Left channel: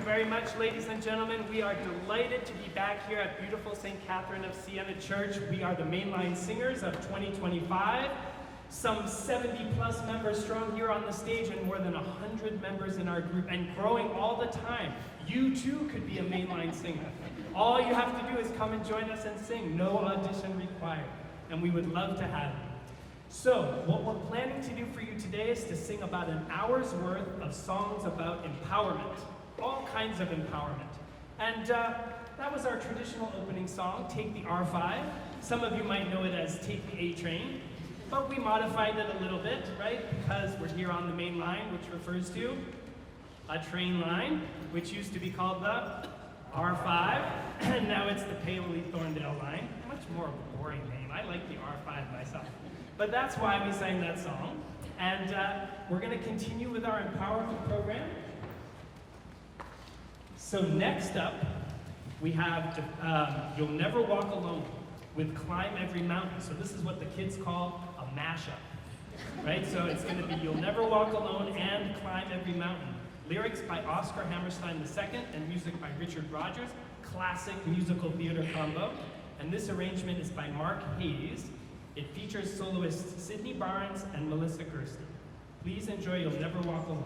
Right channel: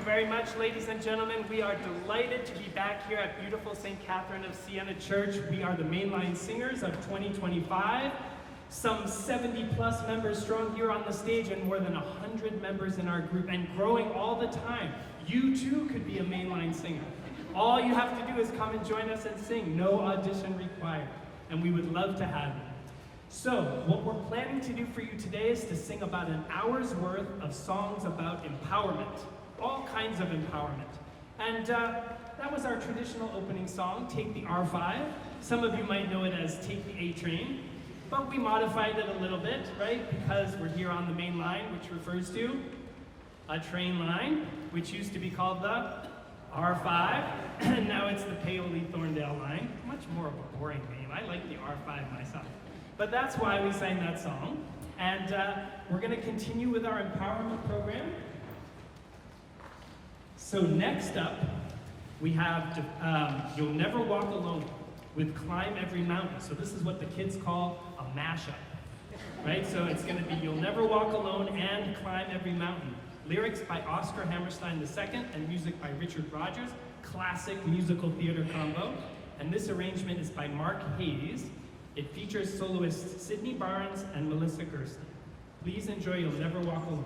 you very much, ladies and gentlemen. We are delighted to be back here at beautiful St. Catherine of Siena Church. We are the Mainline Singers of 2025. Some 70 plus members strong here on the stage and more than 100 members in our group and growing all the time. You too could be a Mainline singer. All you have to do is come and join us and sing. No audition required. And we would love to have you. So, what we're planning to do for you today is to sing about an hour's worth of songs about empowerment. All kinds of empowerment. And that was our traditional opening song, Take the R5. Some of you might know it as Take the A Train. But we modified it a little bit, right? Because we're here on the main line, which refers to a train line, which used to be called the R5, and now it's the Paoli-Thorndale line. Much more of a boring name. I like the R5 myself. But that's why we sang that song. And we're going to continue with our empowerment program. So next up, we have You'll Never Walk Alone with Climb Every Mountain. So this is what the kids call a mashup, right? So it's going to be You'll Never Walk Alone and Climb Every Mountain. Lyrics by Oscar Hammerstein II and music by Richard Rogers. Classic musical theater combo. And this arrangement is by Mark Hayes. It features soloists Sydney Barnes and Melissa Gersten. Please enjoy You'll Never Walk Alone.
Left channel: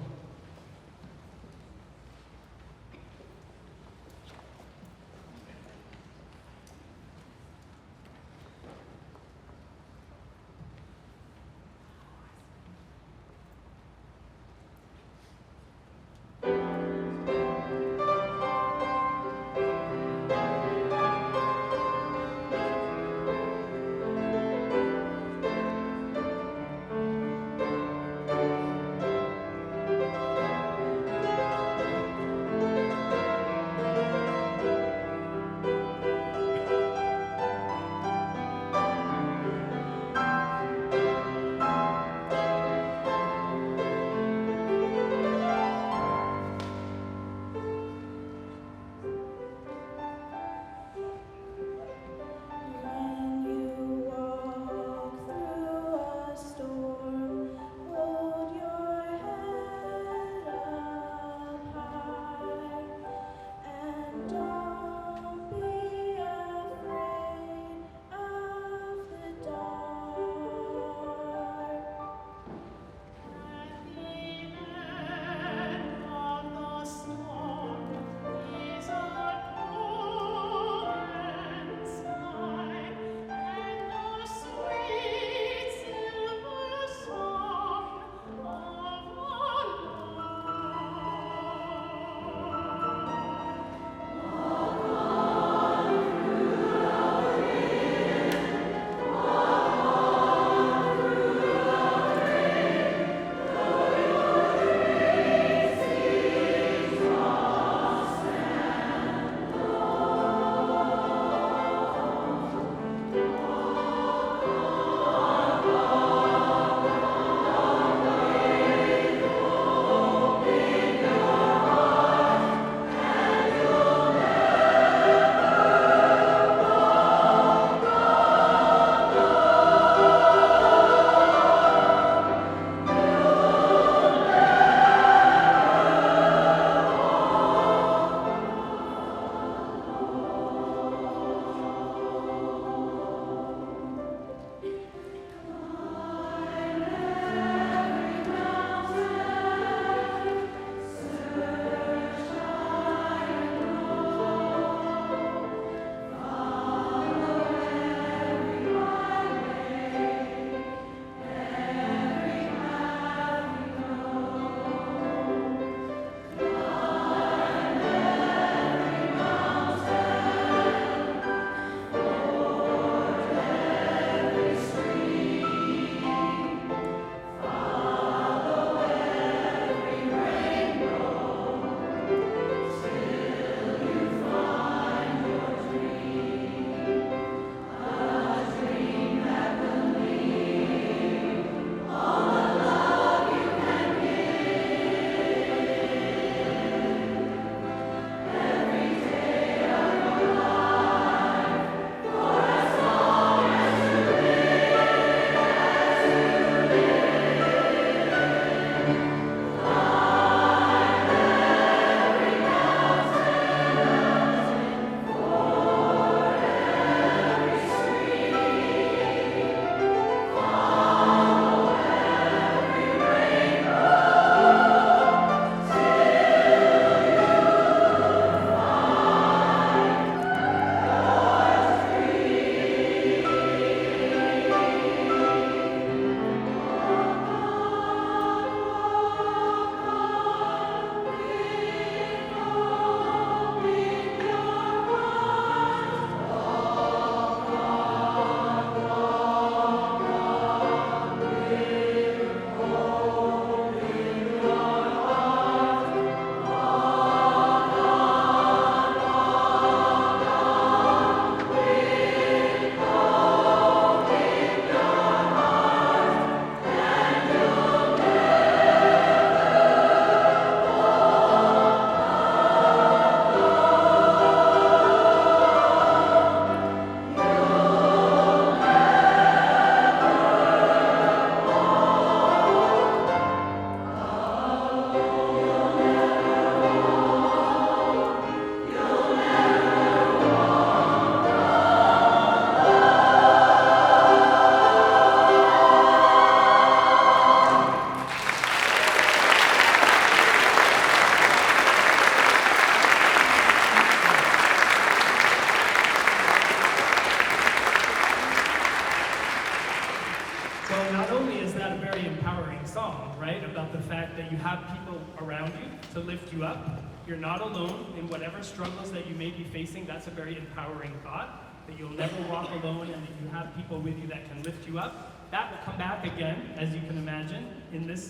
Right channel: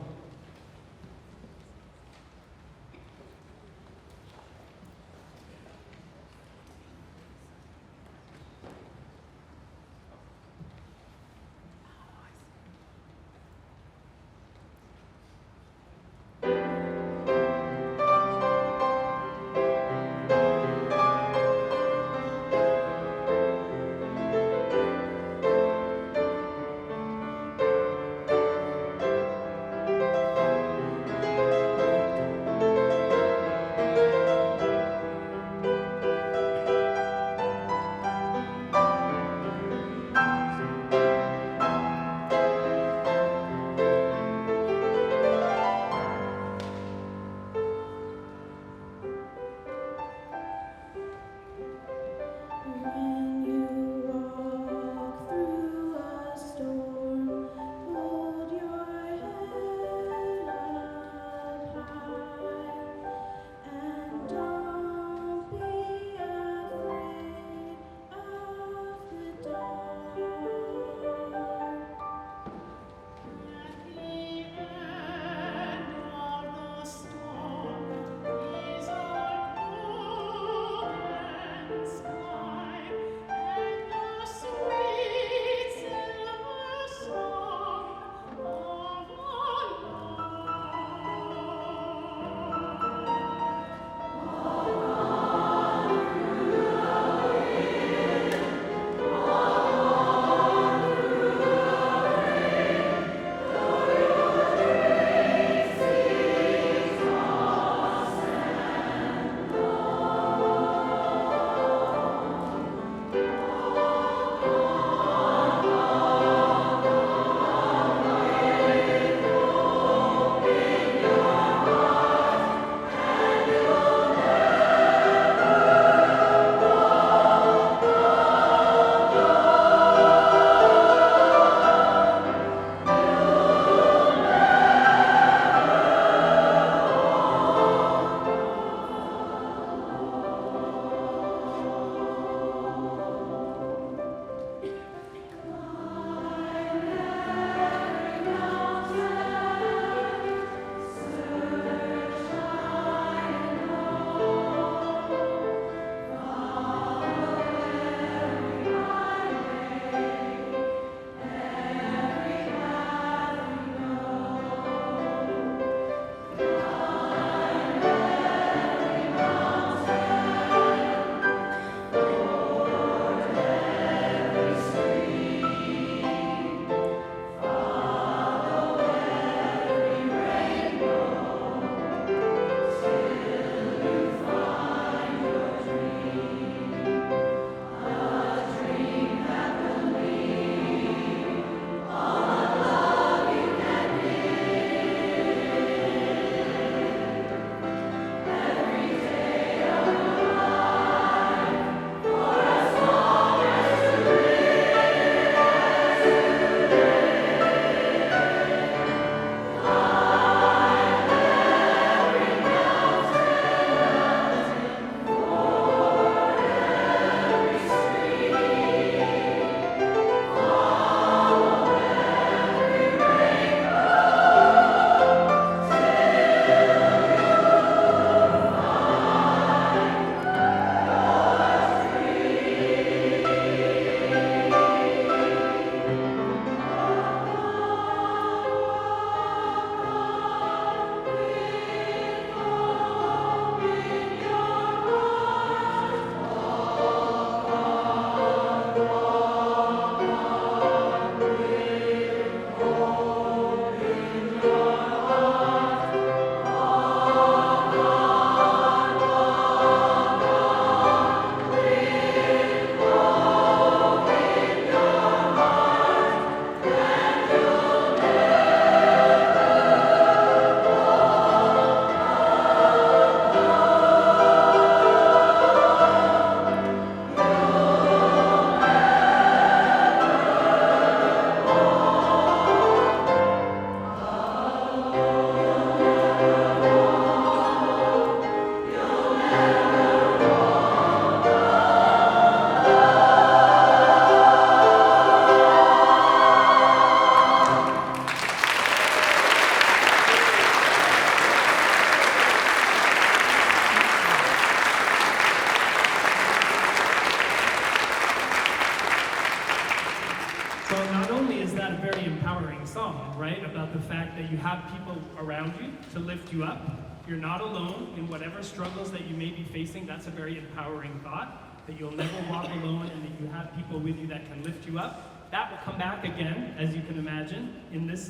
to lift you up. You're not alone in whatever struggles that you may be facing. That's a very empowering thought, that you'll never walk alone and that you have people with you that can lift you up. That will come back again, as you can imagine, in this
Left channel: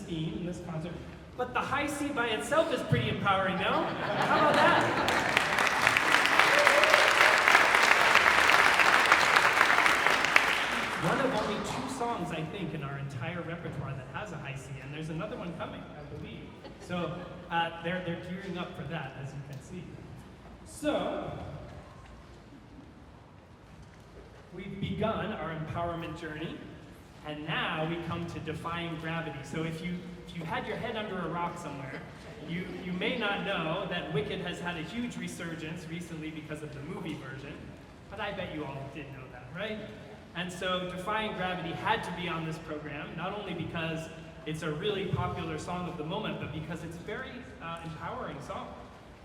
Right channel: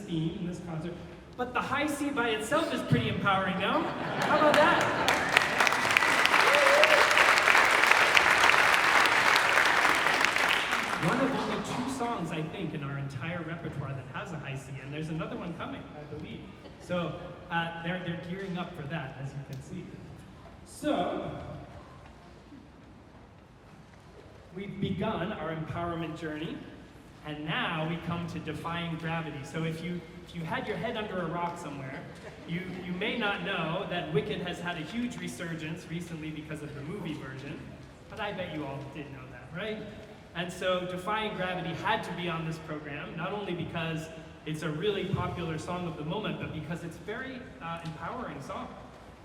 theme, in this concert. But the high C by itself is pretty empowering, no? How about that? One of only 2 songs, I think, in our entire repertoire that has a high C, and there's another one coming, I believe. So they're gearing up for that, as you can see. So we've begun our empowerment journey, and now we come to defying gravity. So if you had your head under a rock somewhere, you may not know that Wicked has had a huge resurgence recently because of the movie version, but I bet you all did know that, right? And so Defying Gravity had to be on this program, not only because it's a really popular song of the moment, but because it's a very empowering song,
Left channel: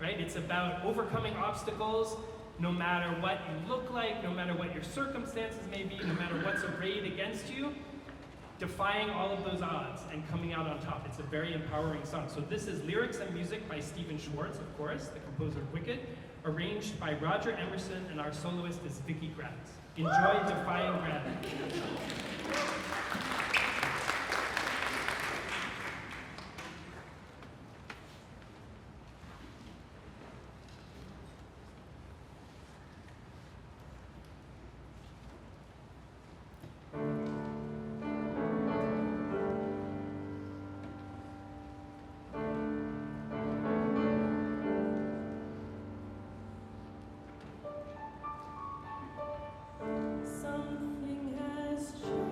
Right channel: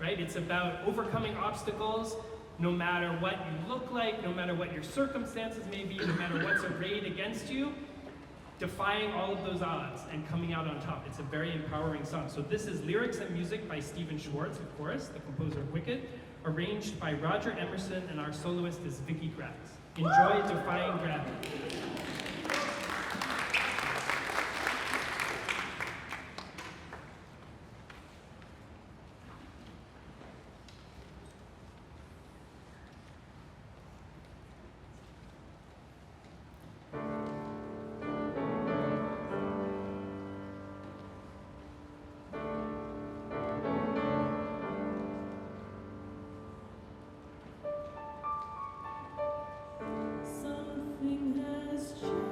right? It's about overcoming obstacles, no matter what you look like, no matter what your circumstances may be, no matter what's arrayed against you, defying all of those odds and coming out on top. It's a very empowering song. So this is lyrics and music by Stephen Schwartz, of course, the composer of Wicked, arranged by Roger Emerson, and our soloist is Vicky Gratz. Enjoy Defying Gravity. Something has changed.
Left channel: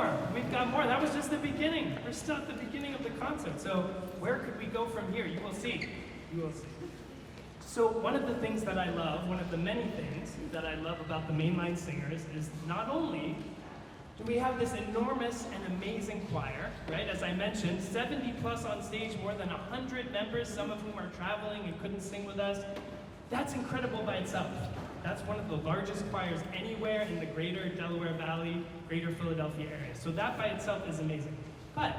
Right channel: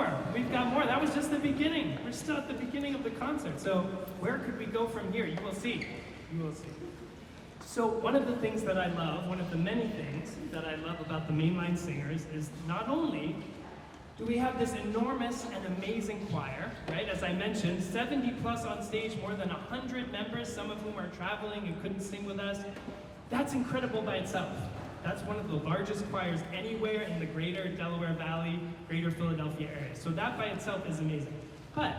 more. We've got more. That was just the beginning. We're still at the beginning of the concert. So where could we go from here? You will see. You will see. So one of the things that I love, one of the many things that I love about the Mainline Singers is not only do we have this enormous and amazing choir, right? As I mentioned, 70 plus on stage, more than 100 members, some of whom are traveling and couldn't sing with us. That's incredible by itself. That's one of the largest choirs anywhere in the greater Delaware Valley, greater Philadelphia area. So that by itself is amazing. But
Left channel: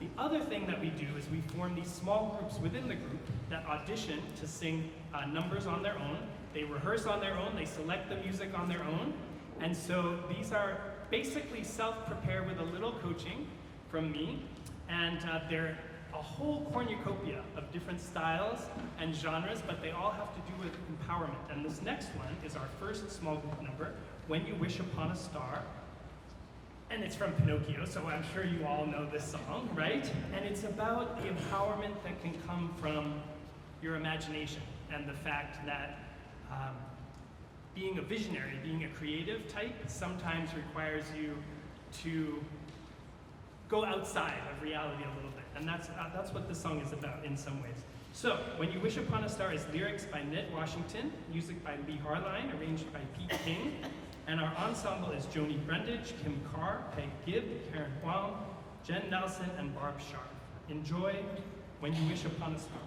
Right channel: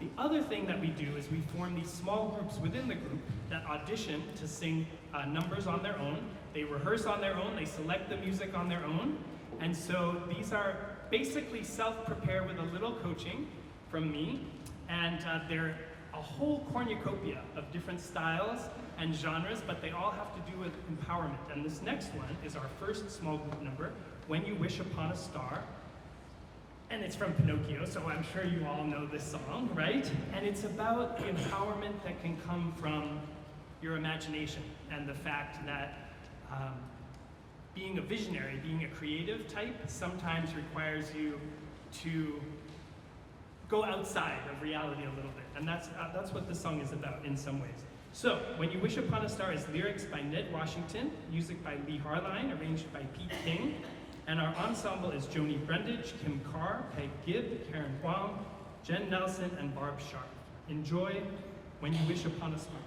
the other thing that we do is we form these small groups within the group that audition to sing numbers on their own. They rehearse on their own, they select the music on their own. And so these are basically self-prepare with a little coaching from me. And they're a whole cornucopia of different styles and genres, but they all have to do with empowerment. And this next one is our first small group number, When You Wish Upon a Star. And it's from Pinocchio, so I'm sure you all know this song, right? And it's about the empowerment that can come from your imagination and the fact that being a visionary, being a creative type, sometimes requires you to go outside of reality a little bit. And that's what this song is about in some ways. So, When You Wish Upon a Star is lyrics by Ned Washington, music by Lee Harline, arranged by Pete King. And our ensemble is Joni Brundage, Kim Carr, Peg Gibb, Karen Huang, Jen Nelson, and Barb Sharp. Enjoy When You Wish Upon a Star.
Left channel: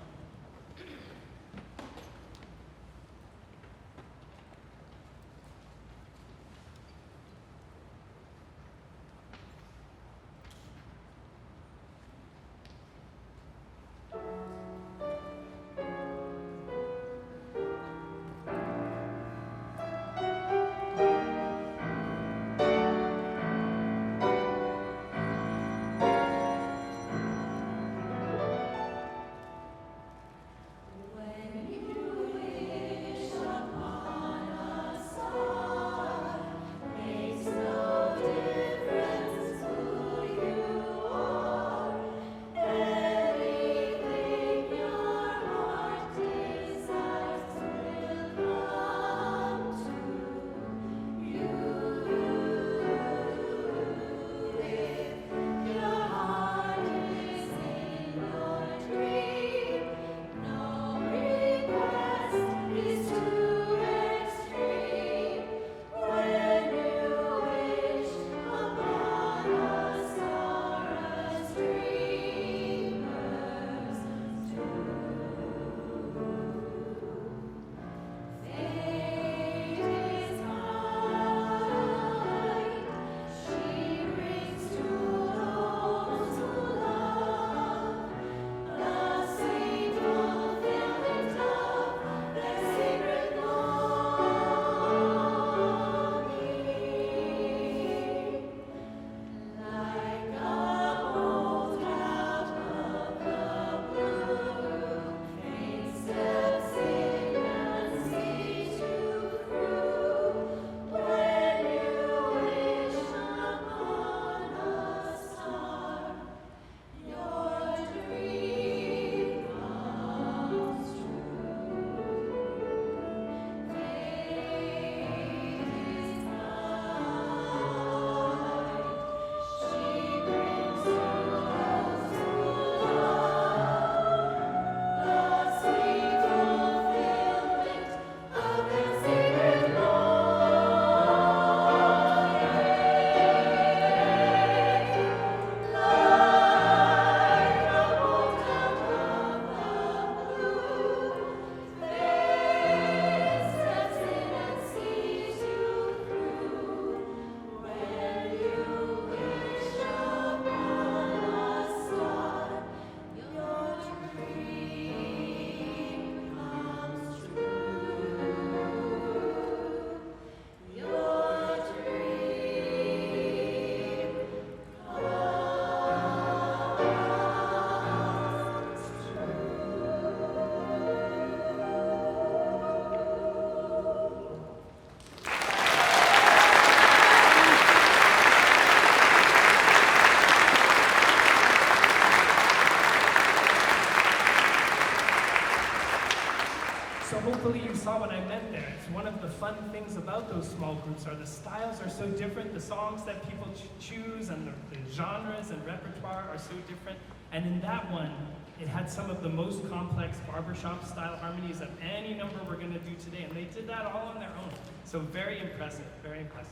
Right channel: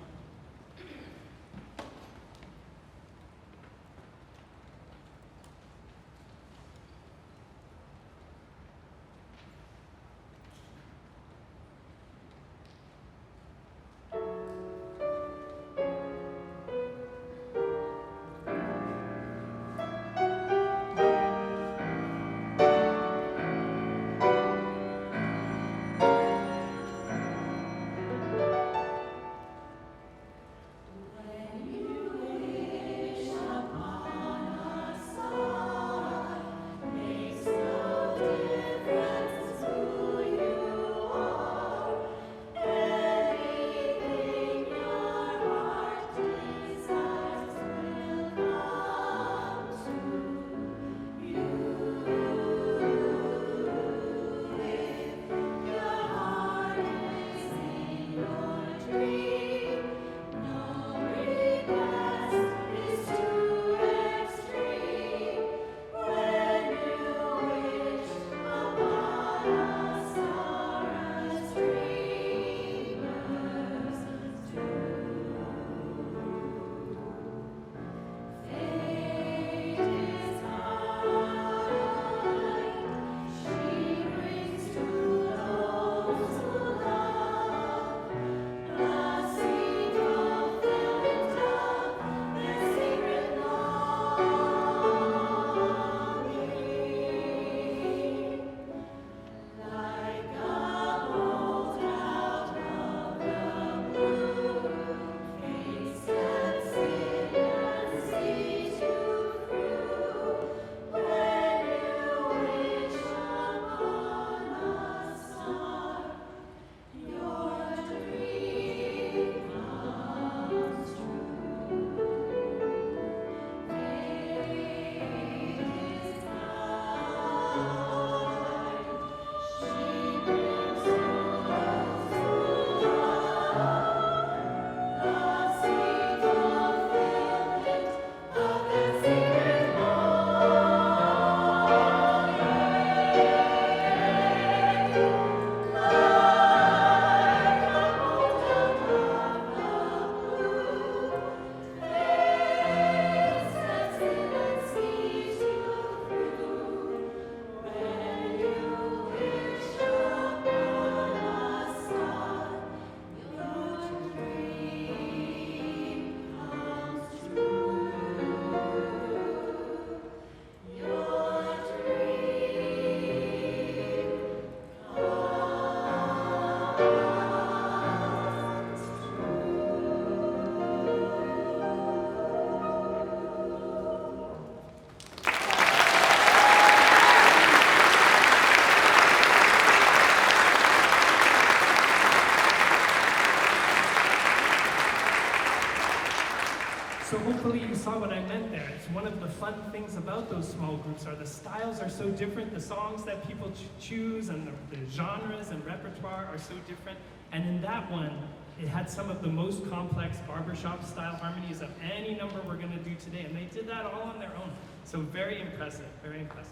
hopefully you saw what I meant there. It's one of the fun things about those small groups are the styles are so different, the songs that people choose and the genres and repertoire are so different. And in that one, it had some of the most complex barbershop style harmonies of any number we're gonna do today. And they did that all on their own. So very impressive, very impressive.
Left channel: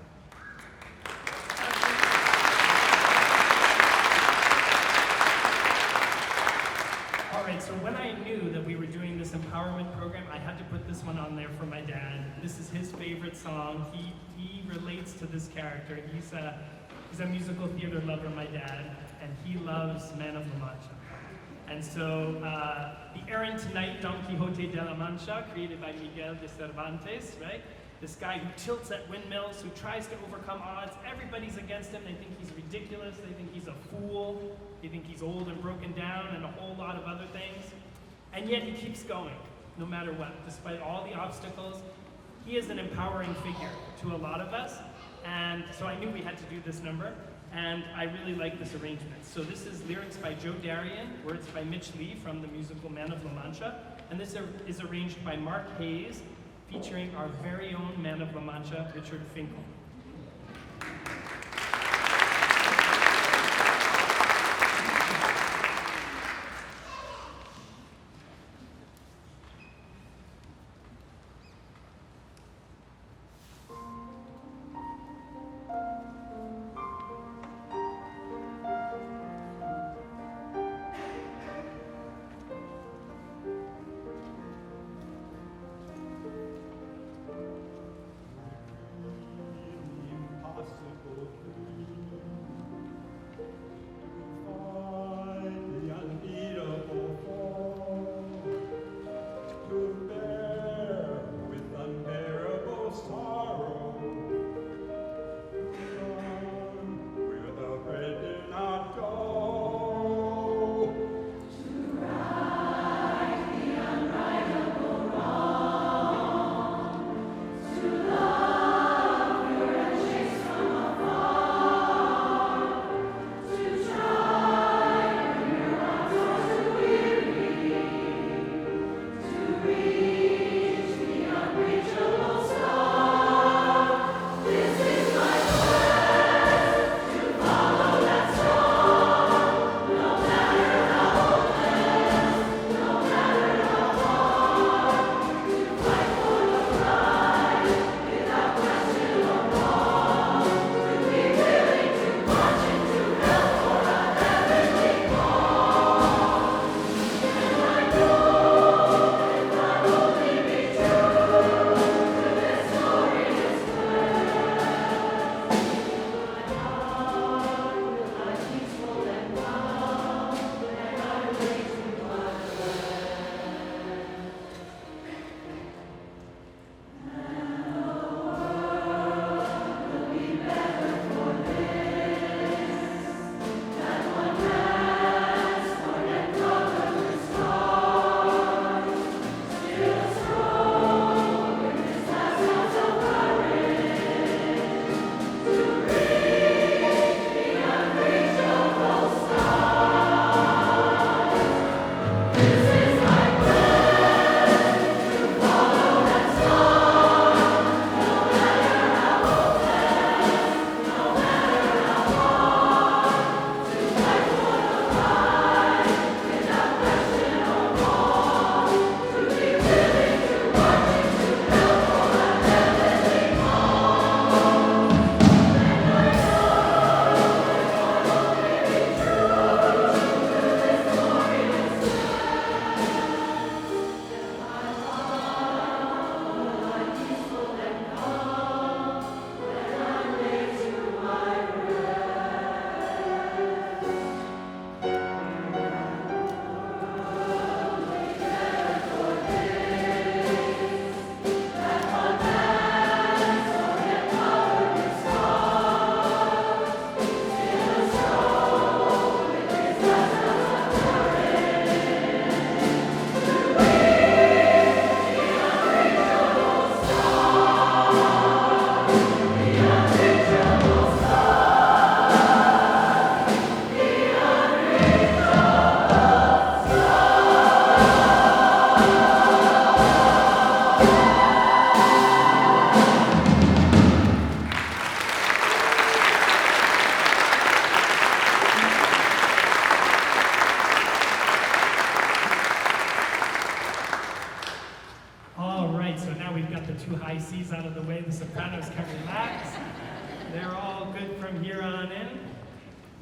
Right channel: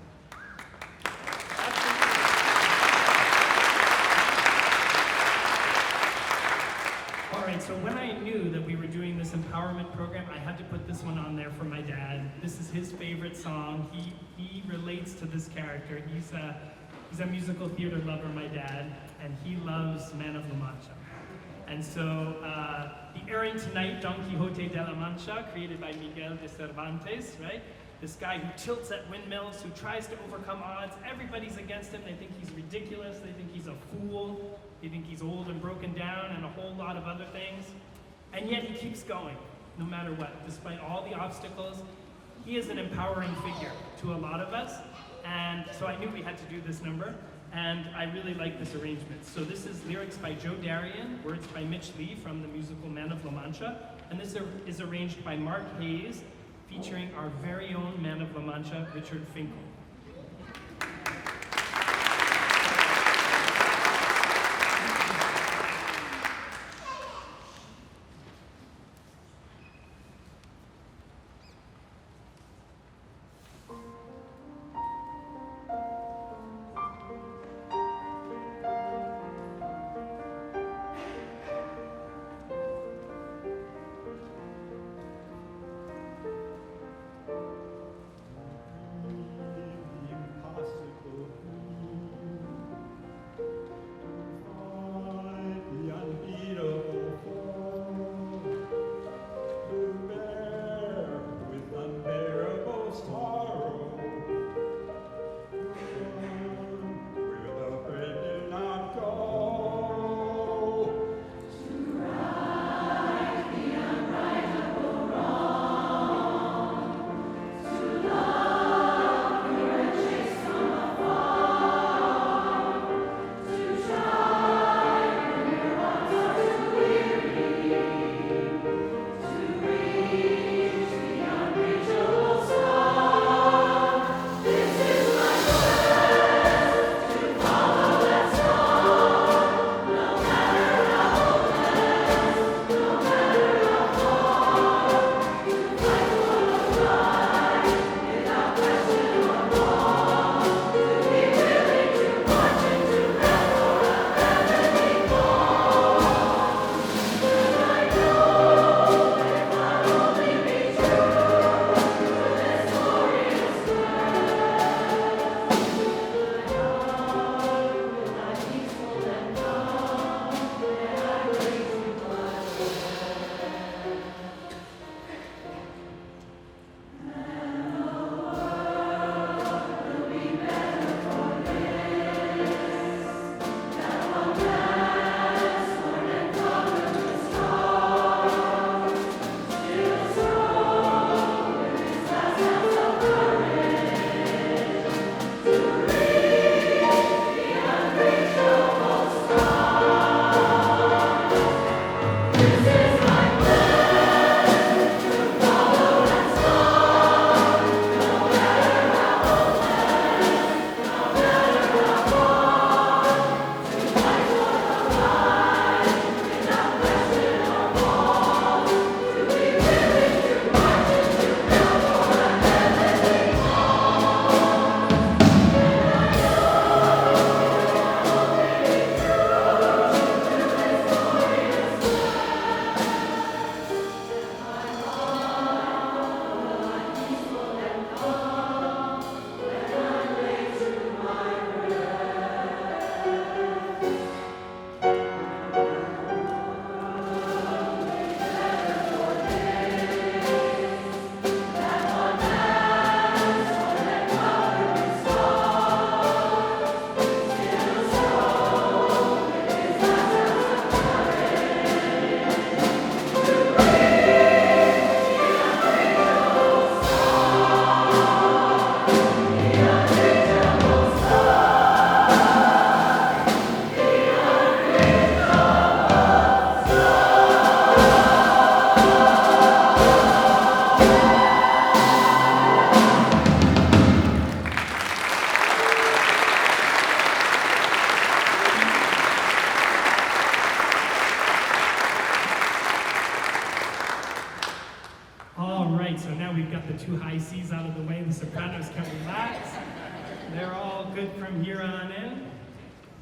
All right, so when I knew that we were doing this empowerment program, I had to put this one on there for my dad. This is his favorite song. He relates to this character. He's a musical theater lover, my dad, and he loves Man of La Mancha. And so the errant knight Don Quixote de la Mancha, created by Miguel de Cervantes, right? This guy who tilts at windmills, who tries to overcome odds. Everybody's against him. They think he's ridiculous. They think he's a fool. They think he's old and broken down and a whole lot of other things. And yet he keeps going, no matter what. Despite all the obstacles, he is an empowering figure to a lot of us. And so I knew we had to do this number. And I really like this arrangement. So this is lyrics by Joe Darien, words by Mitch Lee from the musical Man of La Mancha. And this is arranged by Mark Hayes, featuring our very own Man of La Mancha, Richard Finkel. from here on in.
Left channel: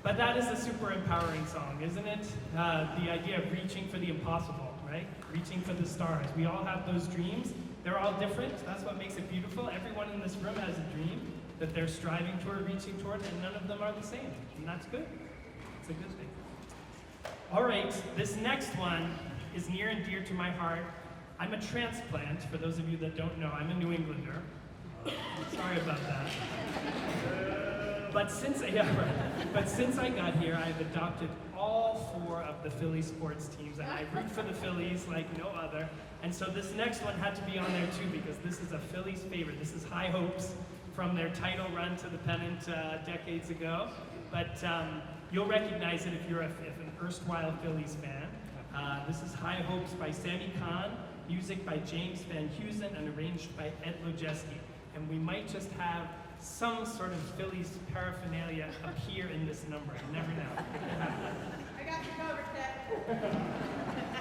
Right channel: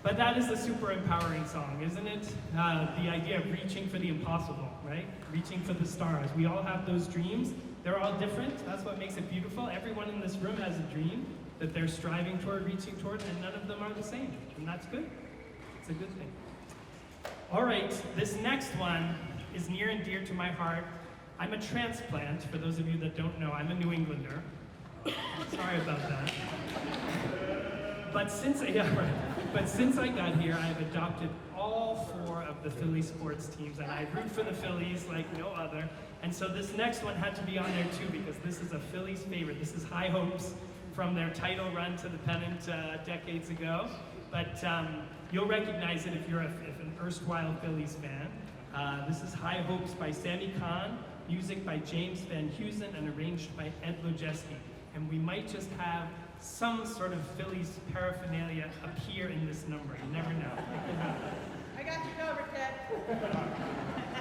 But that is a super empowering song, isn't it? The idea of reaching for the impossible, right? Reaching for the stars. We all have those dreams. They're all different. That's what makes it beautiful. Everyone in this room has a dream that they're striving toward, reaching toward, and none of them are the same. And that's good. It's a good thing. All right, this next one is near and dear to my heart. I'm a transplant. For those of you that don't know, I'm a New Englander. Sorry about that. But since I got here, I've adopted all 4 of the Philly sports teams, and I root for the Phillies like no other. And so this next one had to be on there too, because this is a Phillies favorite. This is High Hopes from their title run to the pennant decades ago. But you'll recognize it if you're an erstwhile Phillies fan. This is High Hopes by Sammy Kahn, music by James Van Heusen, and arranged by Ed Lojeski. And we might just have some sort of Phillies paraphernalia appear in this number. You never know. It could happen. I got you covered, Ted.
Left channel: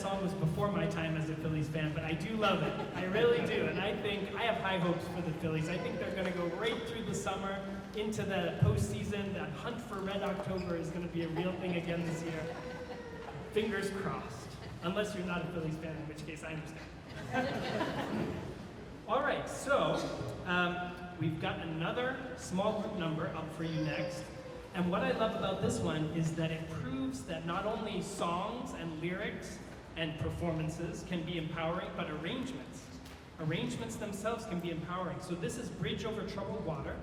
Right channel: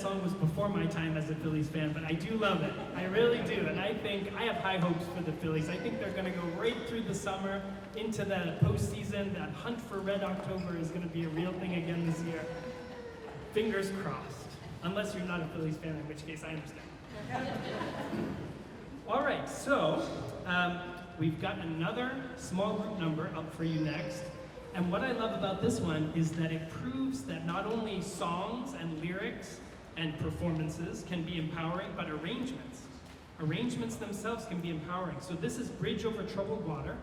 song was before my time as a Phillies fan, but I do love it. I really do, and I think I have high hopes for the Phillies. I think they're going to go right through the summer into the postseason. That hunt for Red October is going to be a real thing again this year. Fingers crossed. Unless you're not a Phillies fan, in which case I understand. All right, so we've got another small group number up for you next. And what I love about this one is that it proves that not only songs and lyrics and performances can be empowering, but arrangements themselves can be empowering. So this is Bridge Over Troubled Water,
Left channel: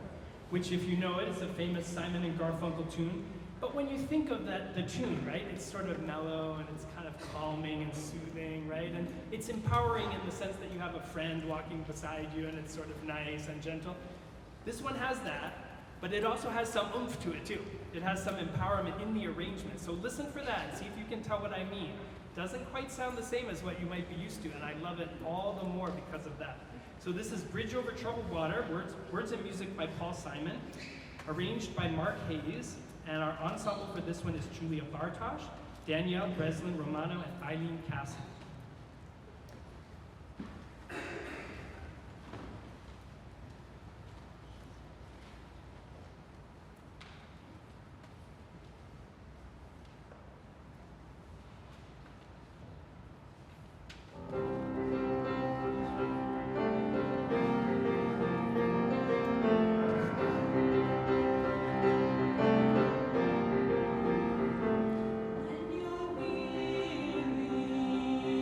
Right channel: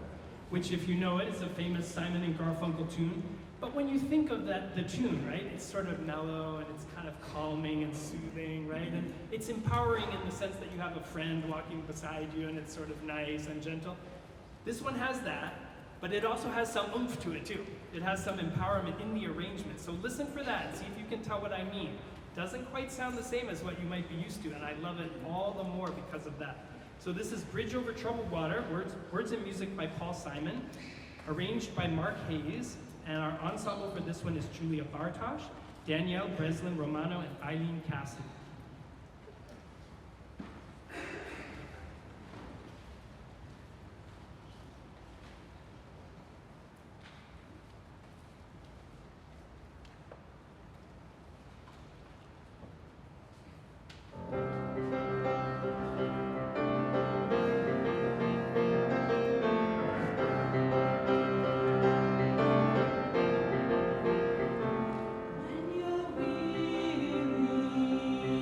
which, if you know it, is a famous Simon and Garfunkel tune. But when you think of that, the tune, right, it's sort of mellow and it's kind of calming and soothing, right? And it's empowering in the sense that you have a friend walking beside you and it's sort of nice and gentle. This one has that, but it also has some oomph to it too. It has some empowerment in the arrangement. So listen for that and see if you can tell what I mean. Doesn't quite sound the same as what you might be used to, and I love it all the more because of that. So this is Bridge Over Troubled Water, words and music by Paul Simon, arranged by Mark Hayes, and our ensemble for this one is Julia Bartosh, Danielle Breslin Romano, and Eileen Cassidy. When you're weary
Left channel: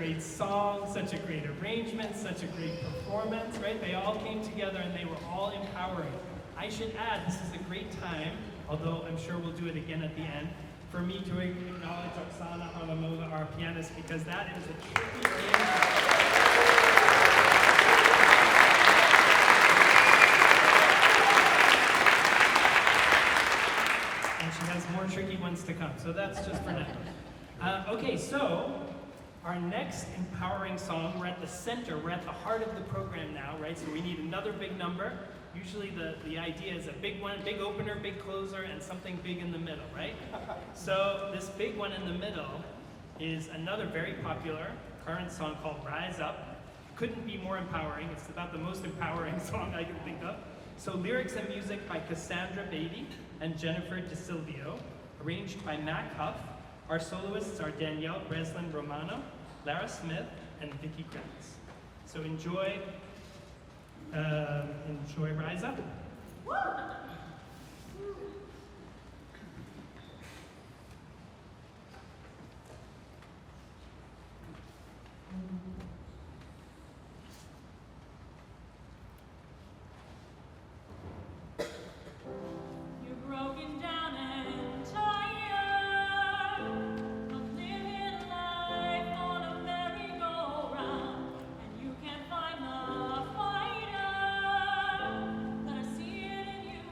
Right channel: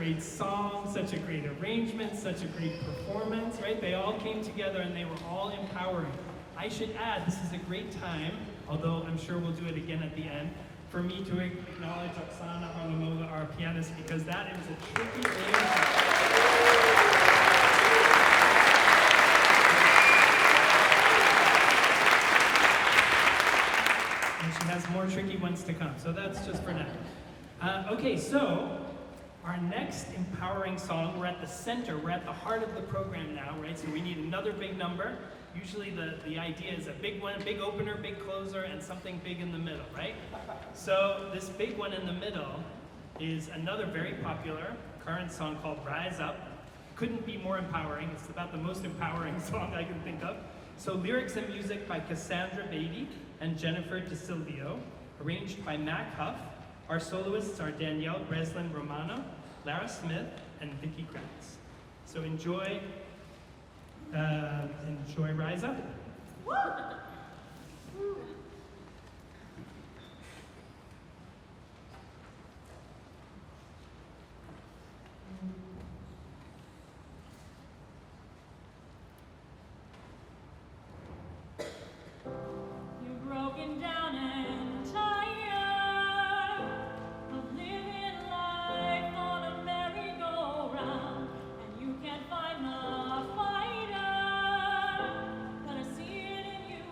great song, such a great arrangement, such a great performance, right? They all came together and they were all empowering. I should add, this is a great time, although I'm sure we'll do it again at the end, for me to acknowledge Oksana Harlamova, our pianist, because that is a tricky arrangement. And she has more tricky ones to come, so that's just for now. Okay, so our next empowering song, we're at the center, we're at the heart of the program now, right? So we need another big number. Usually the idea is a big one, big opener, big closer, and something big in the middle, right? So this big one in the middle is another very popular current song called Rise Up. Couldn't be more empowering. It's about the most empowering song I can think of. So lyrics and music by Cassandra Beatty and Jennifer DeSilvio, arranged by Mac Huff. Our soloists are Danielle Breslin Romano, Lara Smith, and Vicky Kratz. So enjoy Rise Up. You're broken down and tired of living life on a merry-go-round, and you can't find the fighter, but I see it in you.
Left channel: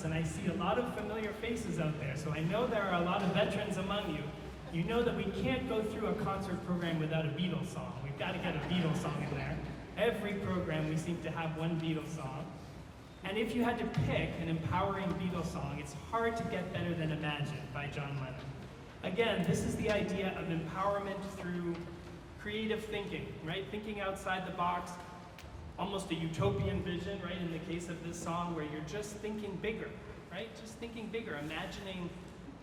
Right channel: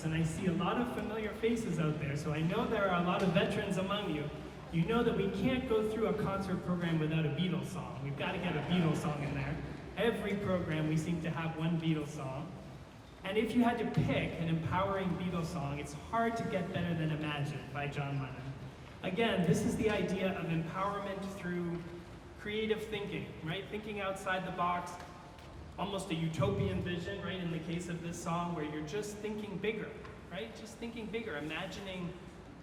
concerts, and I see a lot of familiar faces out there, so I know there are a lot of veterans among you. You know that we can't go through a concert program without a Beatles song. We've got to get a Beatles song in there. Every program we seem to have one Beatles song. And if you had to pick an empowering Beatles song, it's hard to get better than Imagine by John Lennon. Again, this is the idea of empowerment through creative thinking, right? Thinking outside the box, almost a utopian vision, right? In the case of this song, where you're just thinking bigger, right? Just thinking bigger, imagining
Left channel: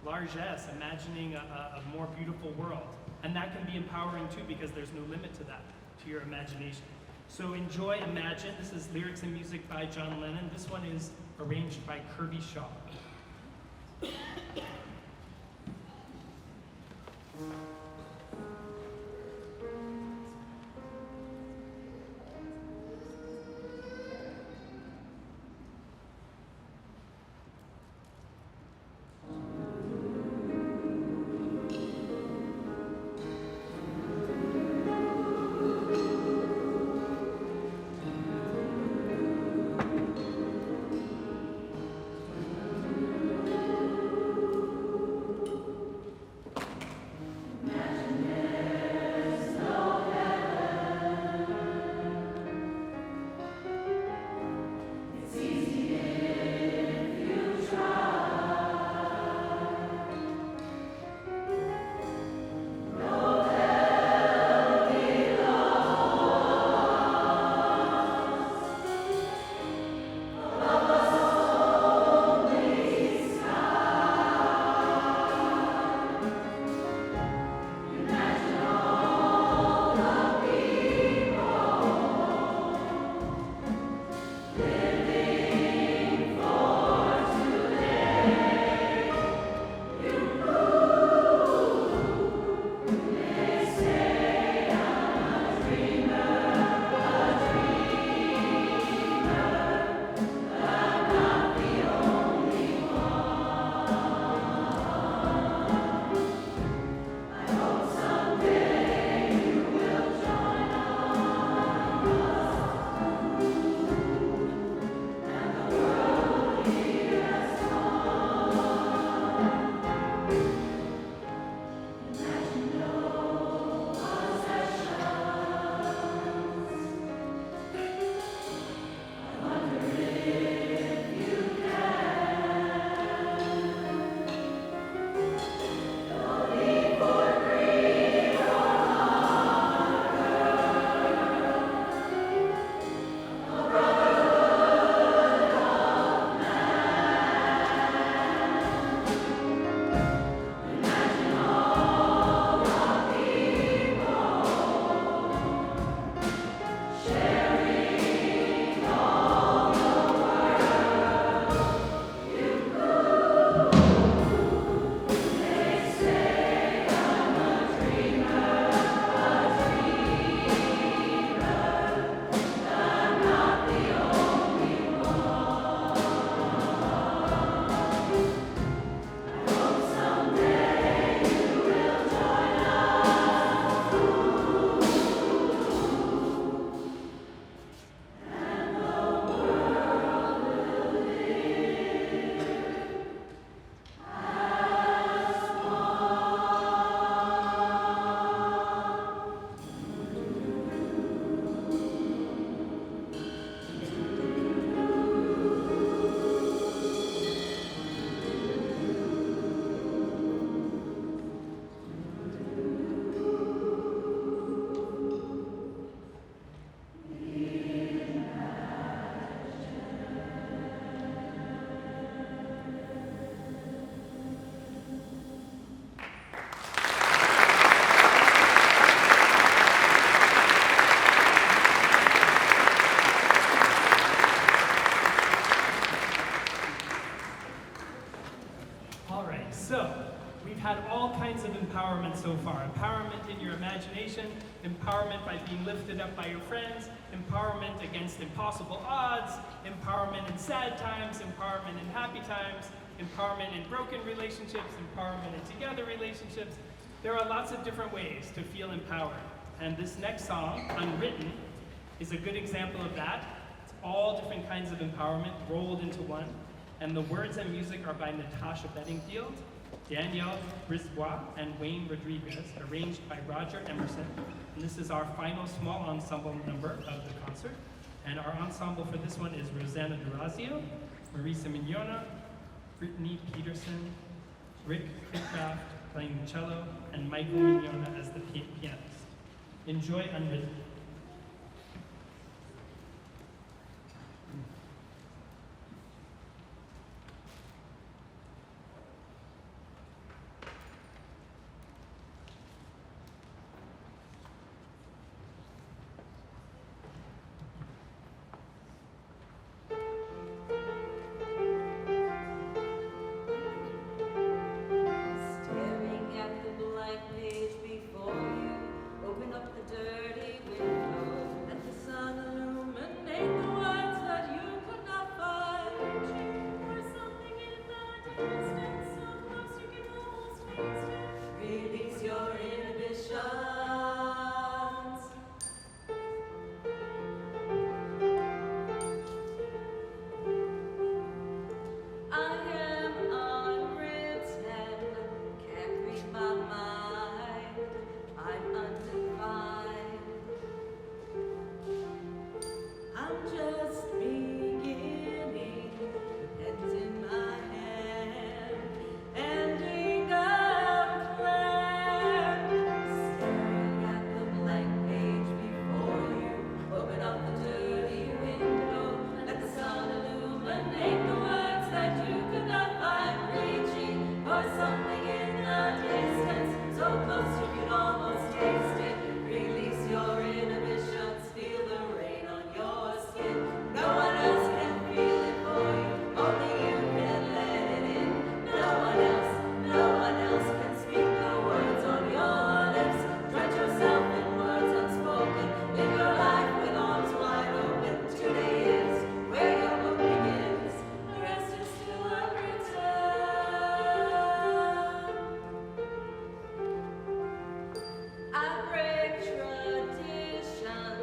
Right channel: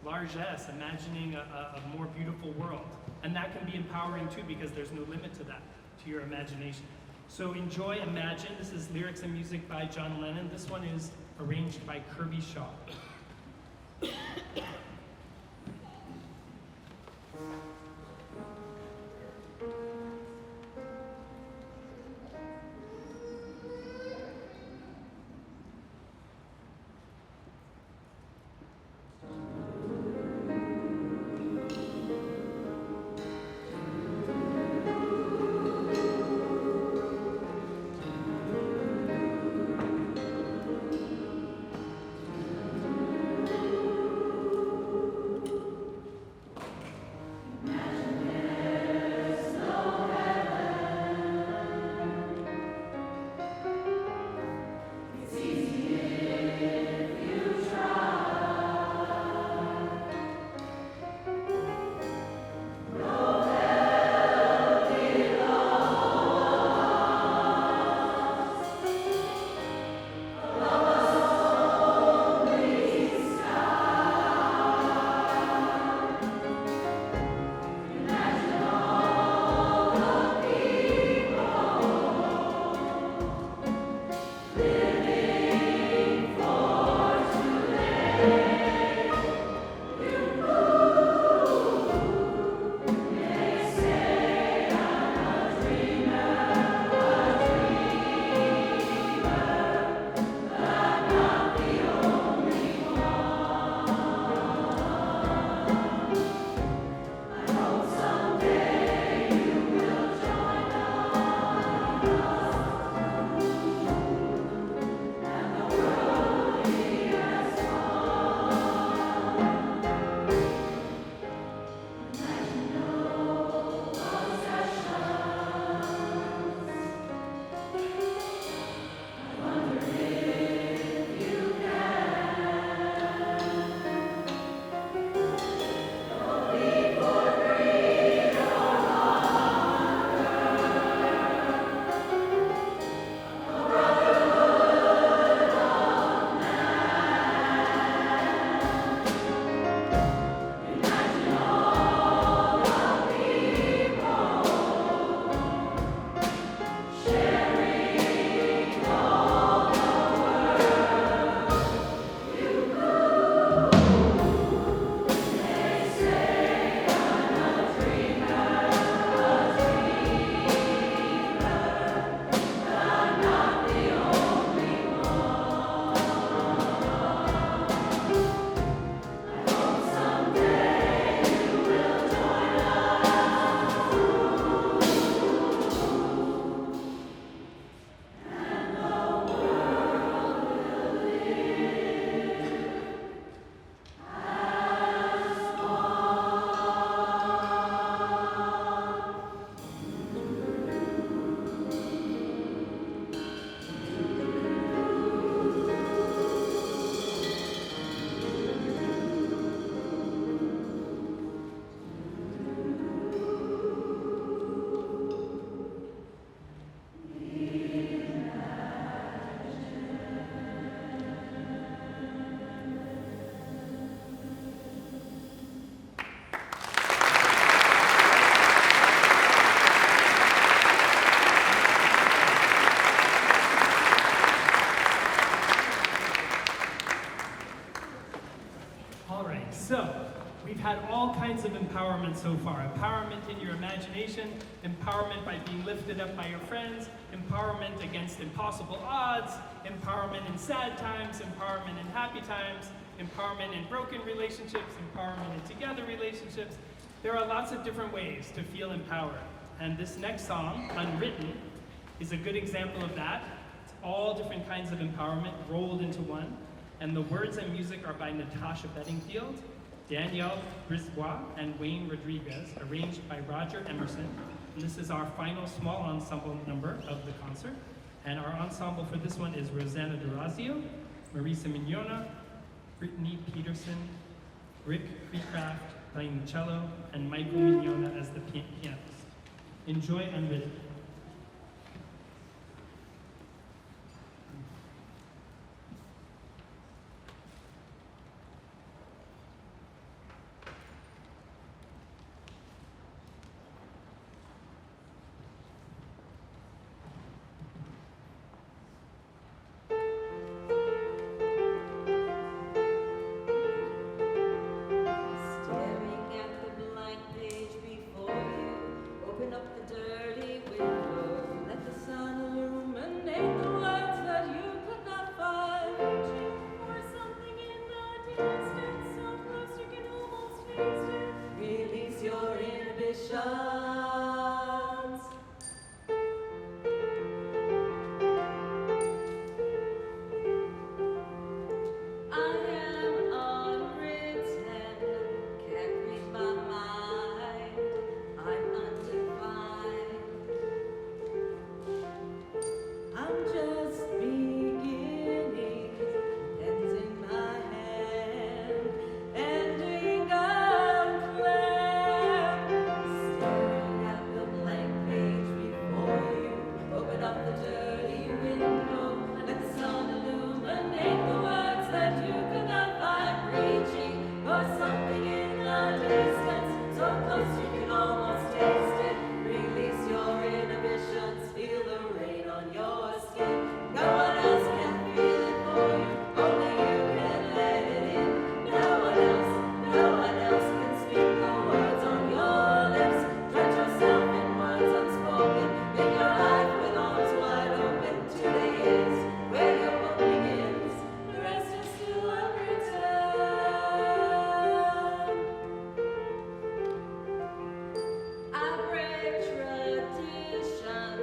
largesse, imagining a more beautiful world. And that can be empowering too, because there's no limit to that, to your imagination. So enjoy Imagine. This is lyrics and music by John Lennon. This one is arranged by Kirby Shaw. had all kinds of empowerment so far. Empowerment in your imagination, empowerment by being lifted up by your friends, empowerment against impossible odds, empowerment in sad times, empowerment in happy times, empowerment in broken relationships, empowerment in together relationships. There are lots of different ways to feel empowered. And this next song, Unwritten, is a good example of that. It's all different kinds of empowerment rolled into one. And the words and music are by Natasha Bedingfield, Danielle Brisbois, and Wayne Rodriguez, arranged by Roger Emerson. And this is our final small ensemble number of the concert. And our ensemble for this one is Rosanna Durazio, Marisa Mignona, Brittany Peterson, Rick Creecraft playing the cello, and Michael Mignona as the pianist. Enjoy Unwritten. Staring at the blank page before you, open up the dirty window, let the sun illuminate the words that you could not find. Or something in the distance, so close you can almost taste it. Release your inhibitions. I am unwritten, can't read my mind. I'm undefined. I'm just beginning, pens in my hand, ending unplanned. Staring at the blank page before you, open up the dirty window, let the sun illuminate the words that you could not find. Reaching for something in the distance, so close you can almost taste it. Release your inhibitions, feel the rain on your skin. No one else can feel it for you, only you can let it in. No one else can speak the words on your lips. Drench yourself in words unspoken, live your life with arms wide open. Today is where your book begins, the rest is still unwritten. I break traditions,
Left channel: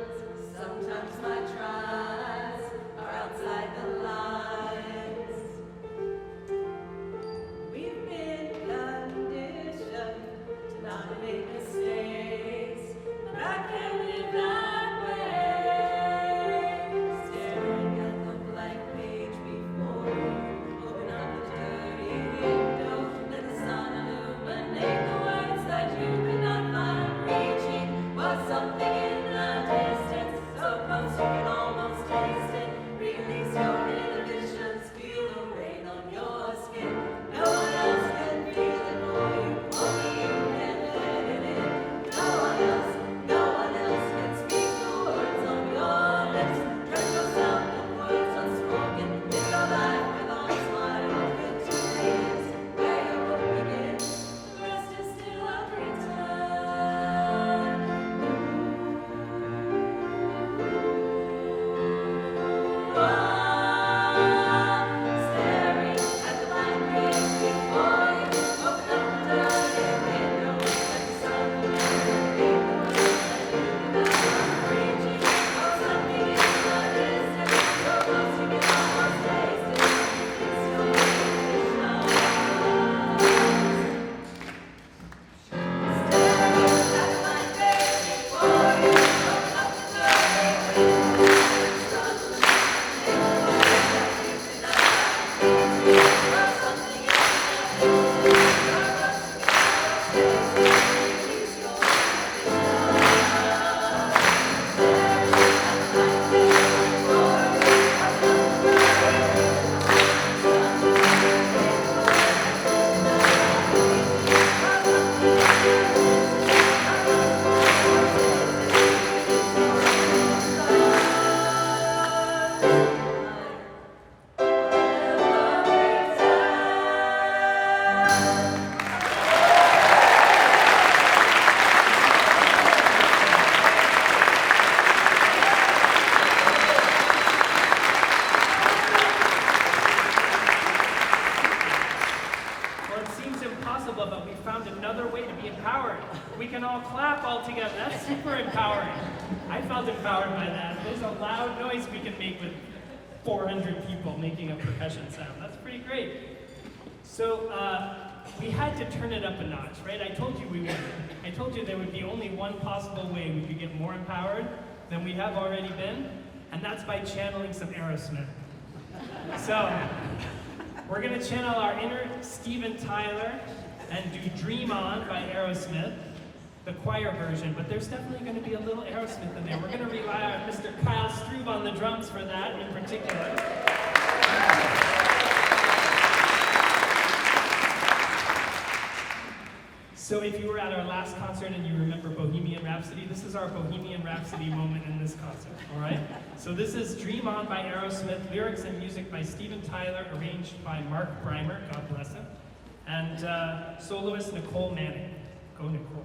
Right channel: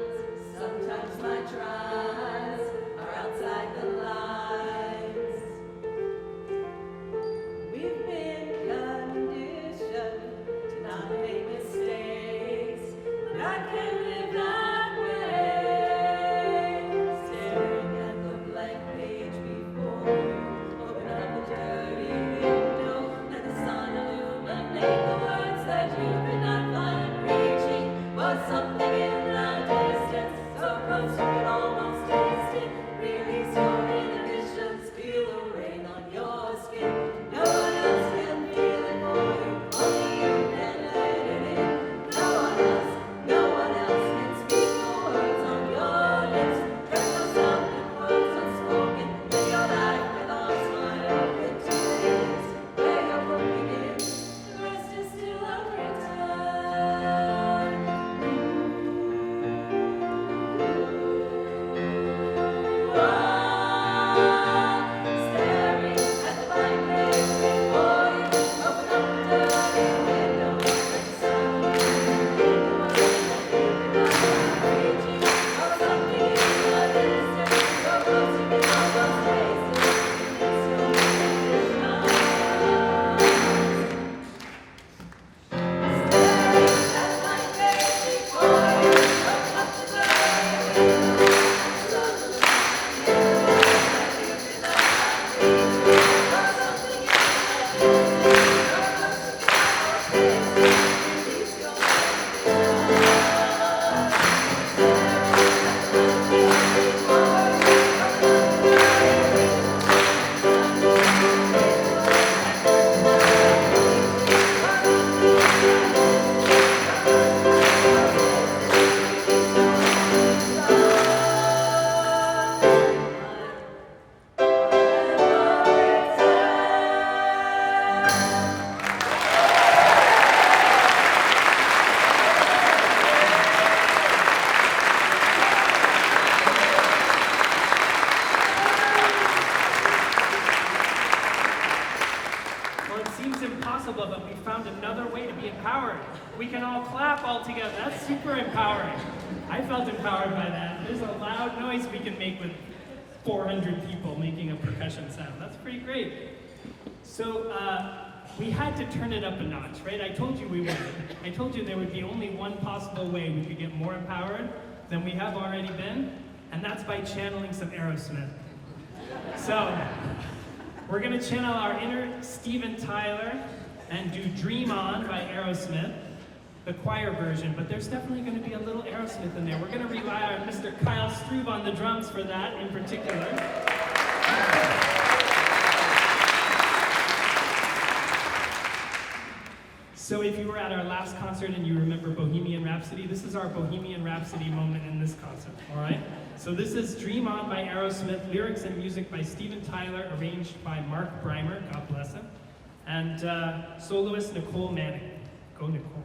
sometimes my tries are outside the lines. We've been conditioned to not make mistakes, but I can't live that way. Staring at the blank page before you, open up the dirty window, let the sun illuminate the words that you could not find. Reaching for something in the distance, so close you can almost taste it. Release your inhibitions, feel the rain on your skin. No one else can feel it for you, only you can let it in. No one else can speak the words on your lips. Dress yourself in words unspoken, live your life with arms wide open. Today is where your book begins, the rest is still unwritten. Staring at the blank page before you, open up the dirty window, let the sun illuminate the words that you could not find. Reaching for something in the distance, so close you can almost taste it. It's your inhibitions. Staring at the blank page before you, open up the dirty window, let the sun illuminate the words that you could not find. Reaching for something in the distance, so close you can almost taste it. Release your inhibitions. Staring at the blank page before you, open up the dirty window, let the sun illuminate the words that you could not find. Reaching for something in the distance, so close you can almost taste it. Release your inhibitions. Well, it seems impossible, but we found another way to be empowered. We can all clap all together. That's super empowering. I felt empowered by that. There's a loud noise we can make with 400 people making a percussion sound. That's pretty great. So we had to turn it up a notch, right? I told you we would. I told you there would be only one possible way we could get more empowered than we have already been, and that's by channeling some Aerosmith. So we're going to channel our inner Steven Tyler and do Dream On by Aerosmith, the choir version, but there's definitely going to be a little Aerosmith in there. We're going to rely on Mr. Kyle Strube on the drums for that in particular. So if you were at our last concert and you remember Bohemian Rhapsody, this is our Bohemian Rhapsody moment in this concert, all right? So this is Dream On by Aerosmith, lyrics and music by Steven Tyler, arranged by Mark Breimer, God bless him, and soloist Nicole Manning. Go, Nicole.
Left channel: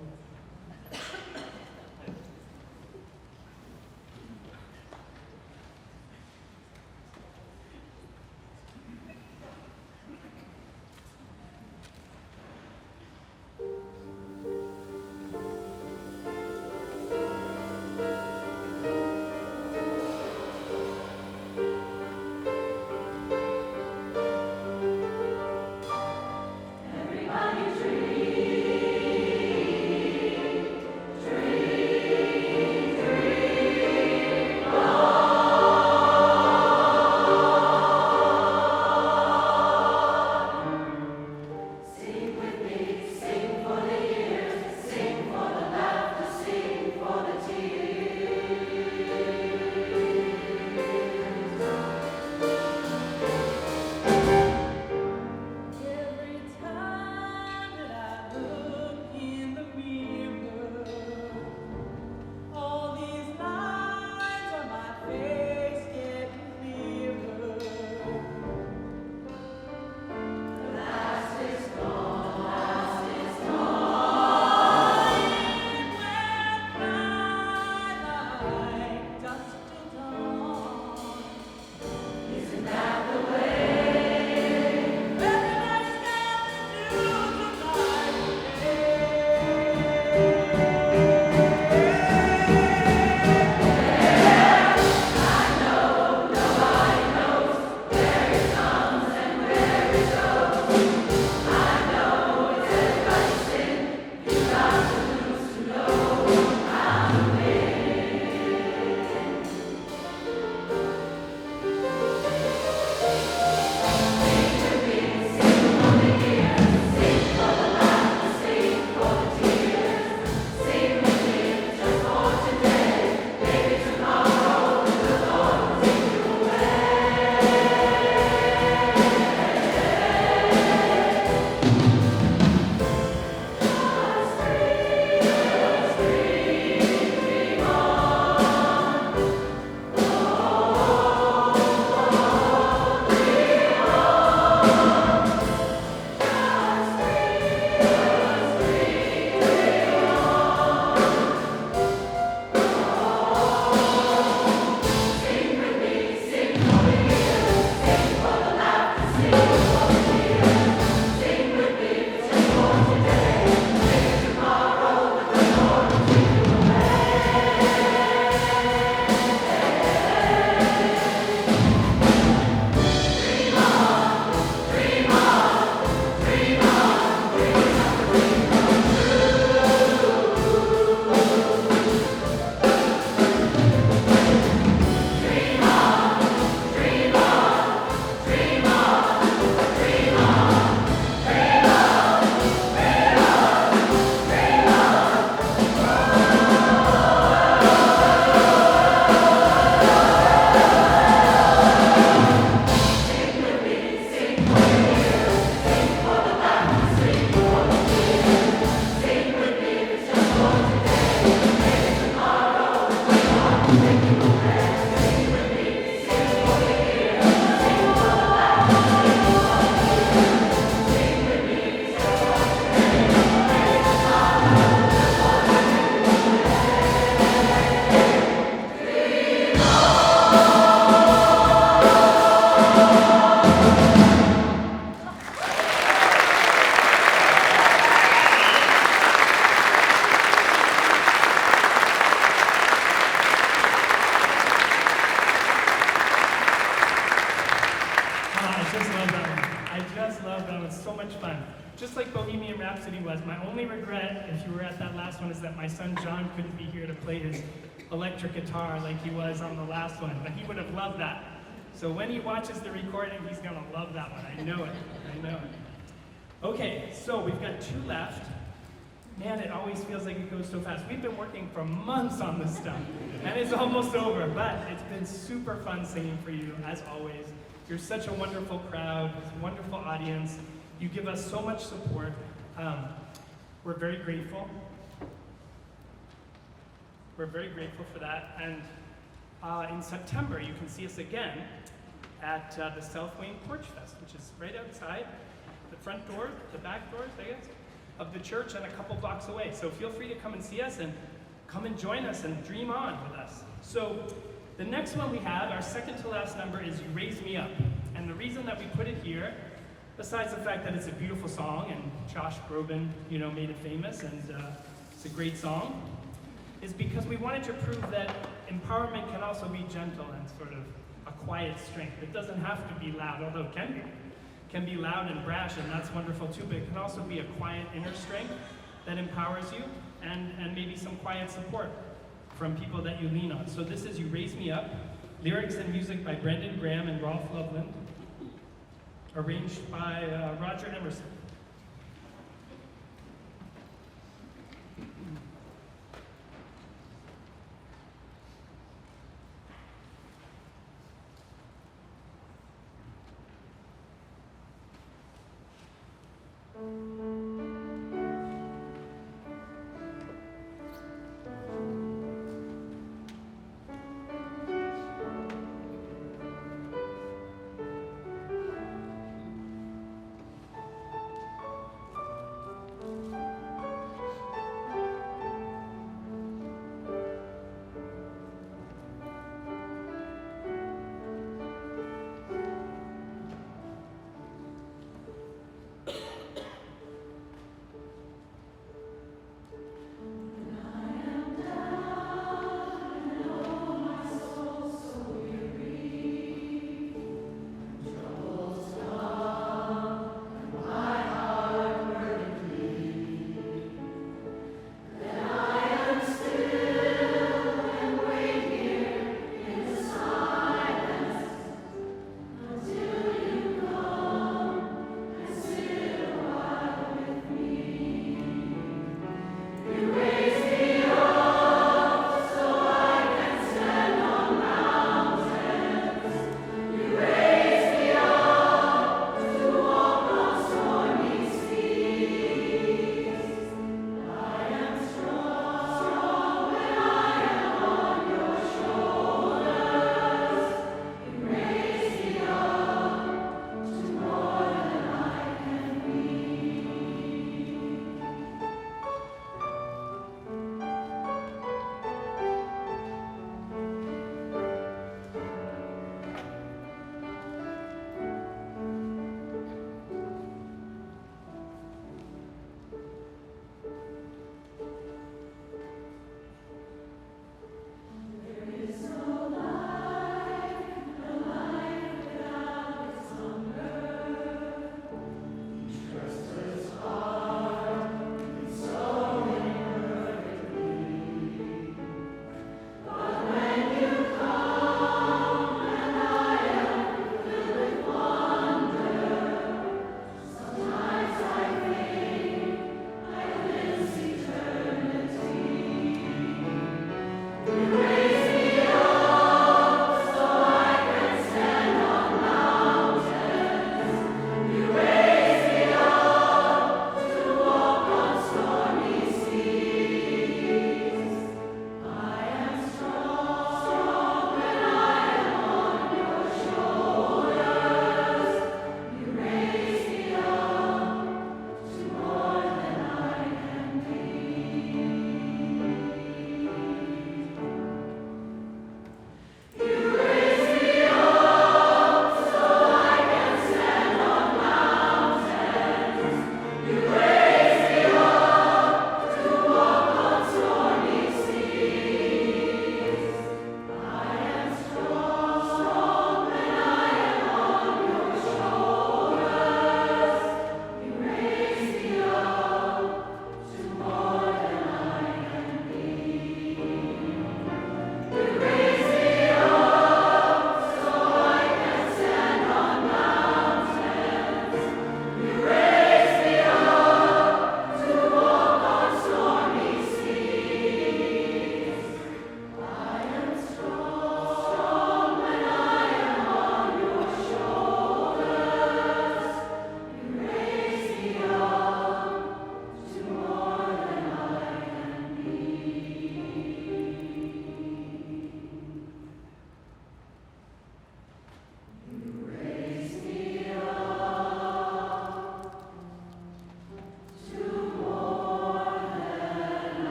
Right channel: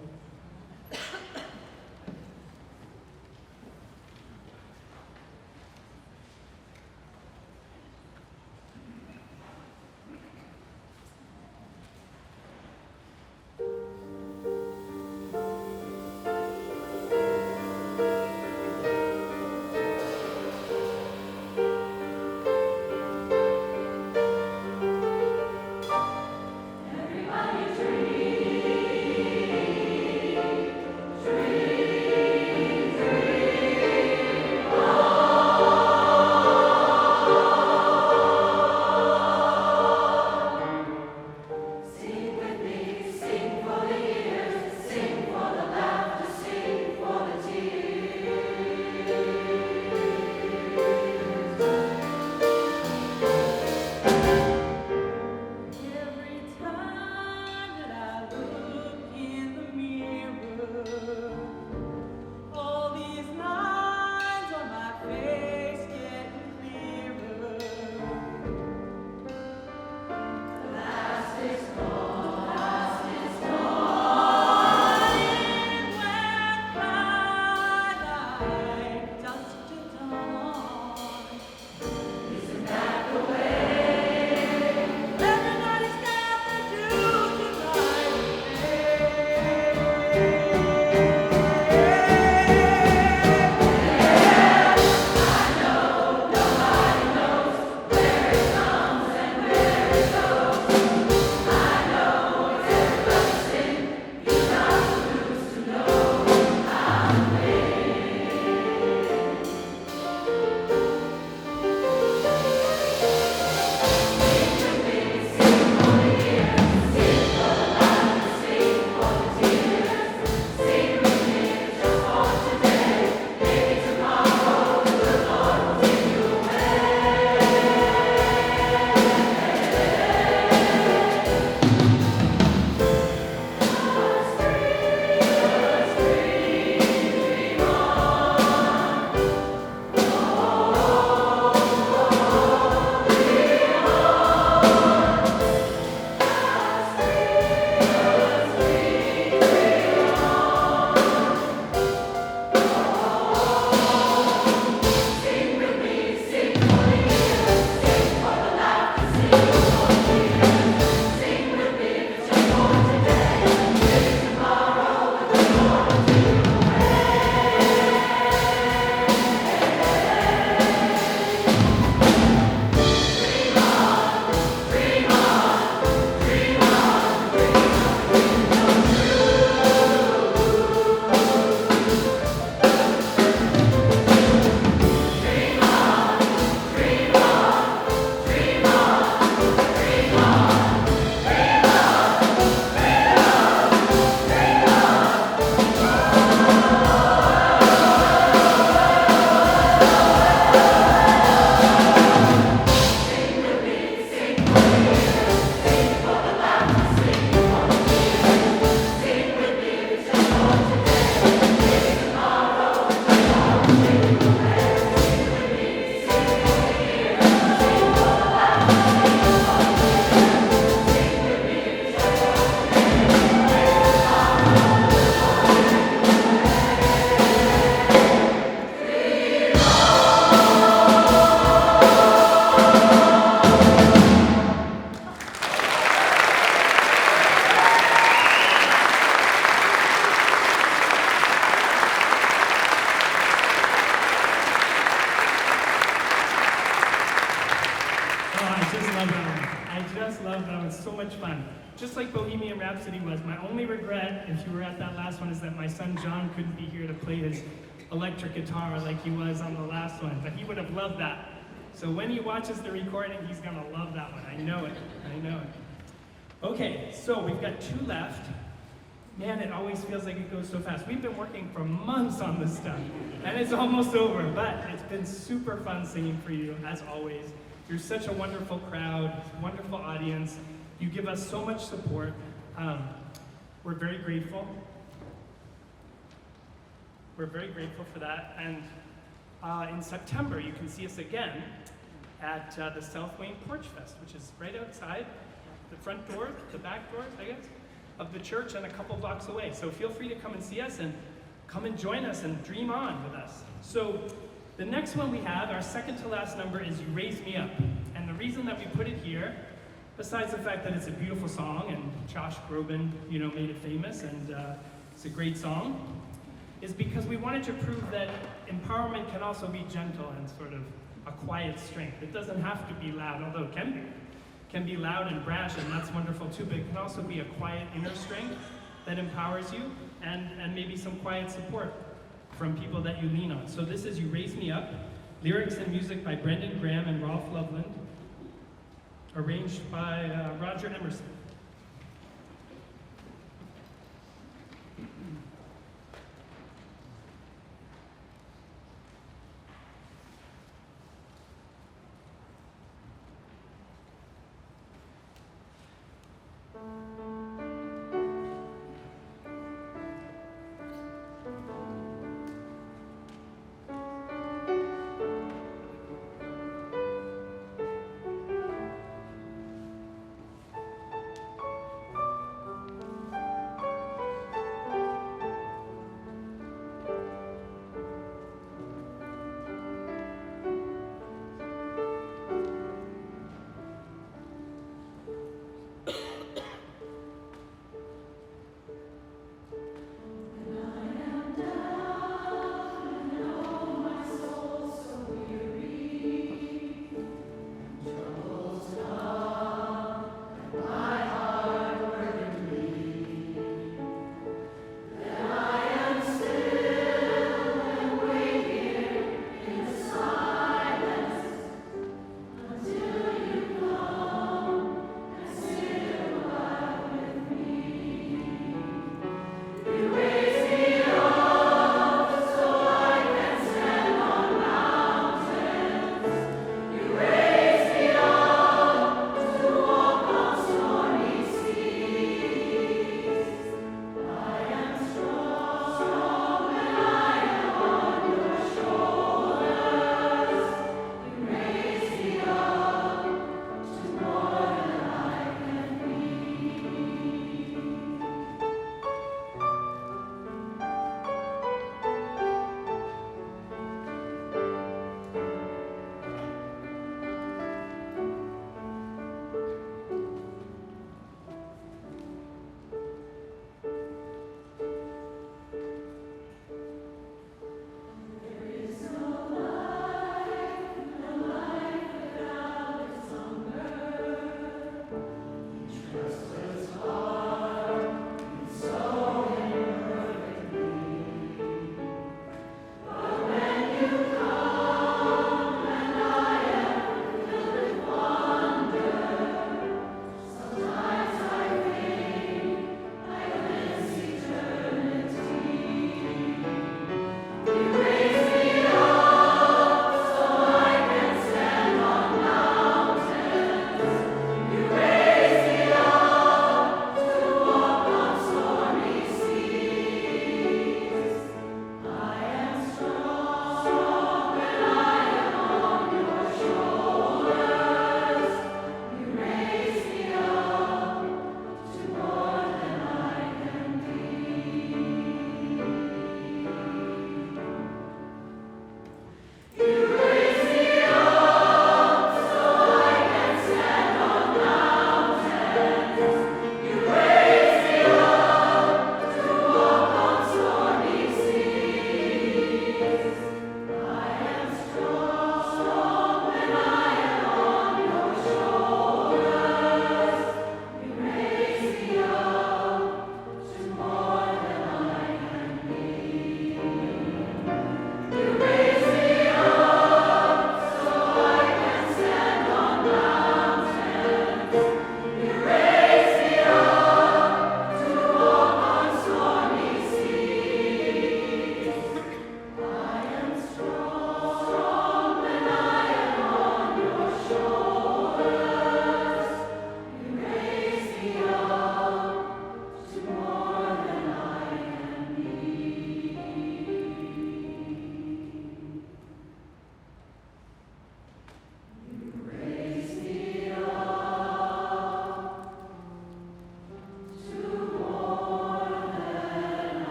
much fun. Just like Bohemian Rhapsody was, my only regret, if you were at that last one, is that my son John couldn't be here to play his electric guitar like he was on the last one, but he would have loved that. So when he watches the recording, he's gonna love that one. I know it, I know it. Okay, so we've got 2 left. Man, it always feels like it goes so fast. We've been working for months on this stuff, and it's almost over, but it's been super fun singing for you, as always. You're such a wonderful crowd, wonderful audience. You give us so much support. We're very grateful. We're very grateful for that. And in September, you can see us again at the South Wayne Porch Fest, which is right outside the front door, the back doors, I guess, of the church and a couple blocks away. So feel free to come and see us and come and join us and dream on with us. So the next one we have, our second to last number, is You Raise Me Up. And the reason that we put it here, besides the fact that it's a beautiful song and Josh Groban, made it famous and it's a great song, is because we wanted to prove that empowerment can also be gentle and sort of a quiet strength. It doesn't have to be loud, although it can be. It can be loud and brash, and that's wonderful too, but it can also be a quiet inner strength that empowers you and maybe some quiet support from people that you lean on. So this is You Raise Me Up, lyrics and music by Brendan Graham and Rolf Loveland, arranged by Roger Emerson.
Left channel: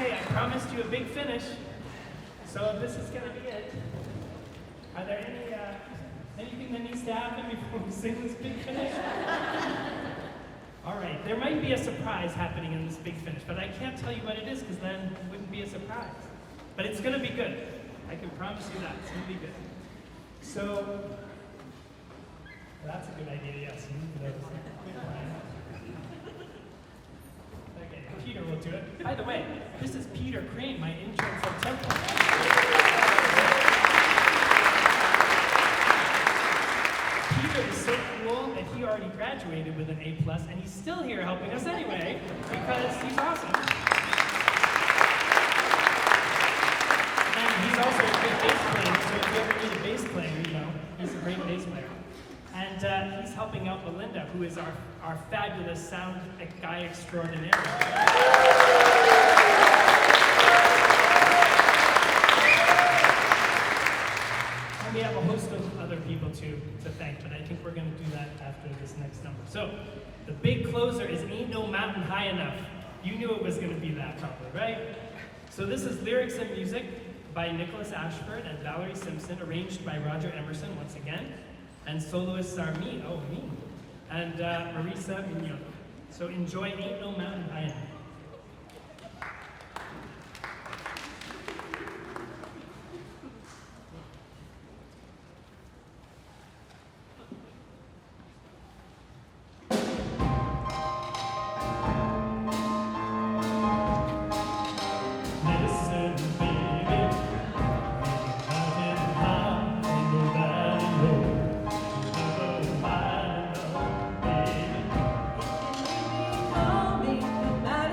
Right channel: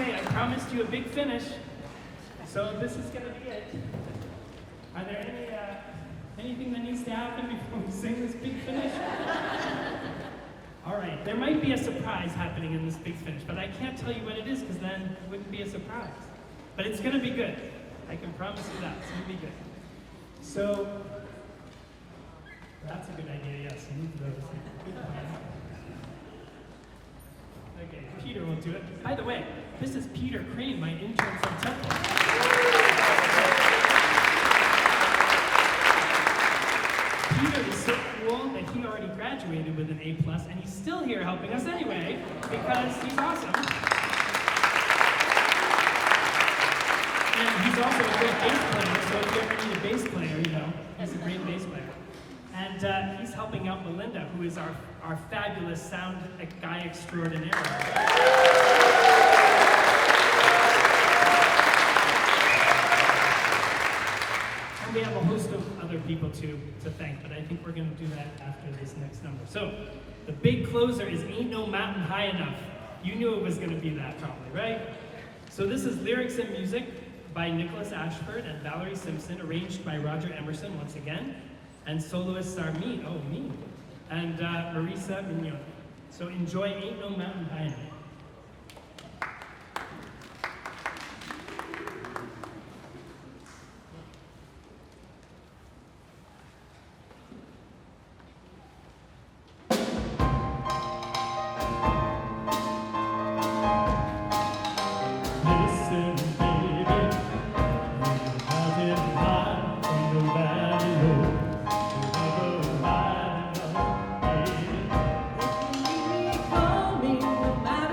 Okay, I promised you a big finish, so this is gonna be it. Are there anything that needs to happen before we sing this big finish? All right, there might be a surprise happening in this big finish, but I can't tell you what it is because then it wouldn't be a surprise. But it's gonna be good. I can promise you that, it's gonna be good. So, that's a good idea, yes. Okay, Peter will do it. By the way, this is Peter Crane, my intern from Temple. Peter is so cool that he already graduated with an A+, and he's still here helping us anyway, because he's awesome. And he's also a great bass player, so if you ever need a bass player, you know, he's a great bass player. And he's helping out Melinda, who is our fabulous sound guy extraordinaire. And we have a host of other people to thank, but I think we're going to do that after this next number. So, the big closer is Ain't No Mountain High Enough. You knew it was going to be that probably, right? So this is lyrics and music by Nicholas Ashford and Valerie Simpson, arranged by Roger Emerson once again, and soloists are me, and Marisa Mignon. So enjoy Ain't No Mountain High Enough. Call me, no matter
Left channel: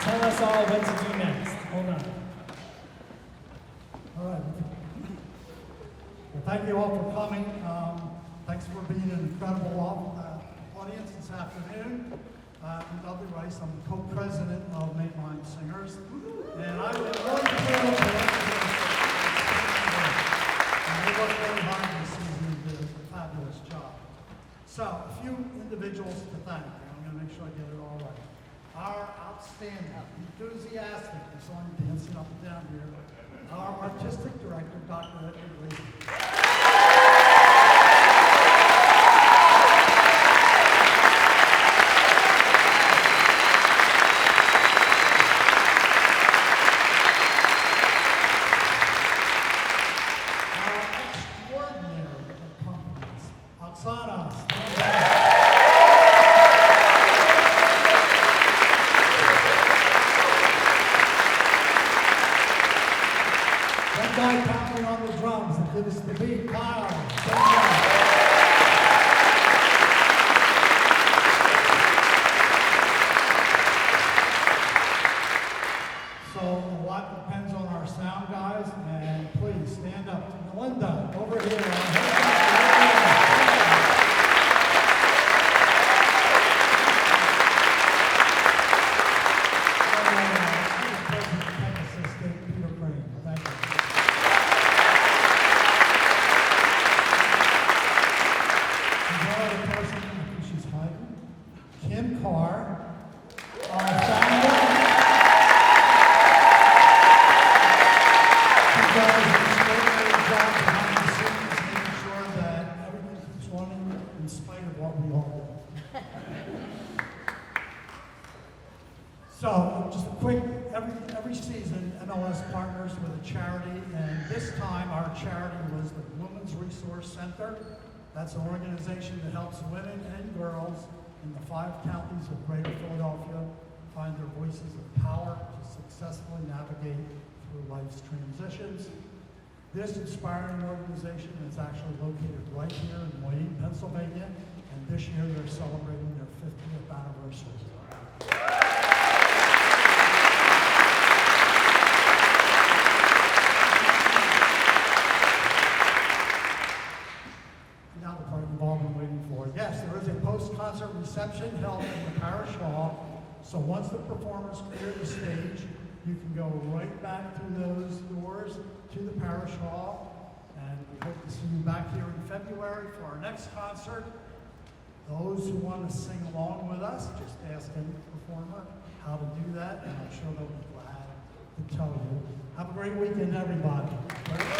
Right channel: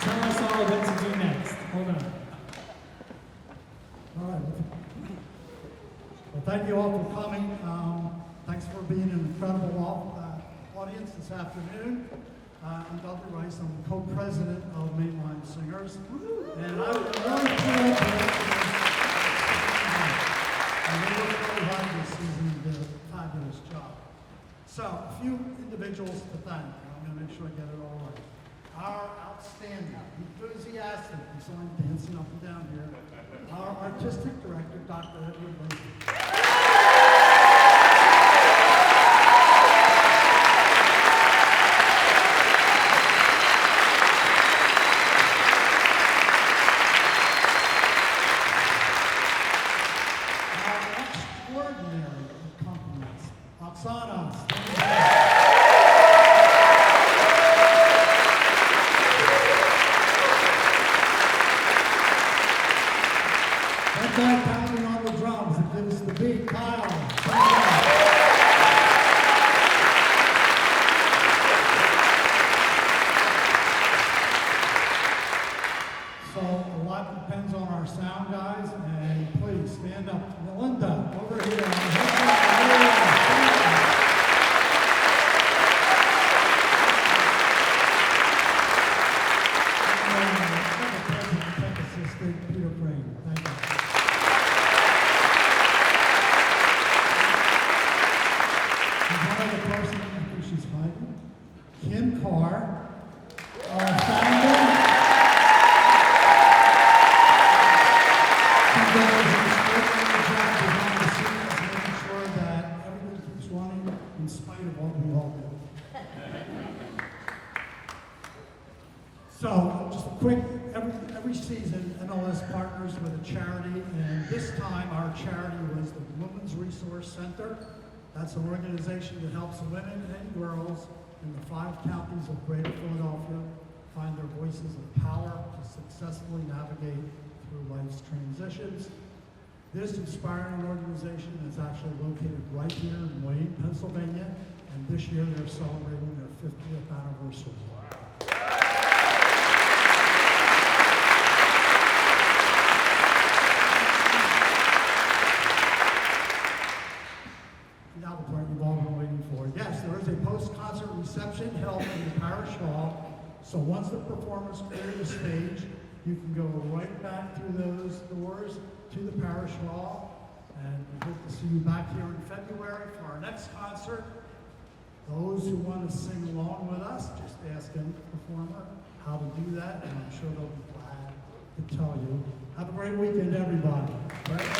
tell us all what to do next. Hold on. All right. Well, thank you all for coming. Thanks for being an incredible audience this afternoon. I'm Dudley Rice. I'm the co-president of Mainline Singers. And I'm really pleased up here. And we worked really hard this season and did a fabulous job. So, a few individuals to thank. I'm going to make sure I get it all right. Our outstanding, enthusiastic, you saw him dancing up and down here, our artistic director, Dr. Edward Lee. Pounding on the drums, it gives the beat, Kyle. So a lot depends on our sound guys, and please stand up. Melinda, over here. So, just a quick, every season, MLS partners with a charity, and this time our charity was the Women's Resource Center. That's an organization that helps women and girls in the 5 counties of Greater Philadelphia find their voices of power to successfully navigate through life's transitions. This inspiring organization is actually located right here in Wayne, Pennsylvania, and this year they're celebrating their 50th anniversary. Now the part you've all been waiting for. Yes, there is a post-concert reception held in the parish hall. So once the performers clear the stage, you can go right back through those doors to the parish hall. And we hope to see you back here in February for our next concert. Those who want to sing along with us, just ask a performer how to do that, and I'm sure they'll be glad to tell you. Have a great weekend, everybody.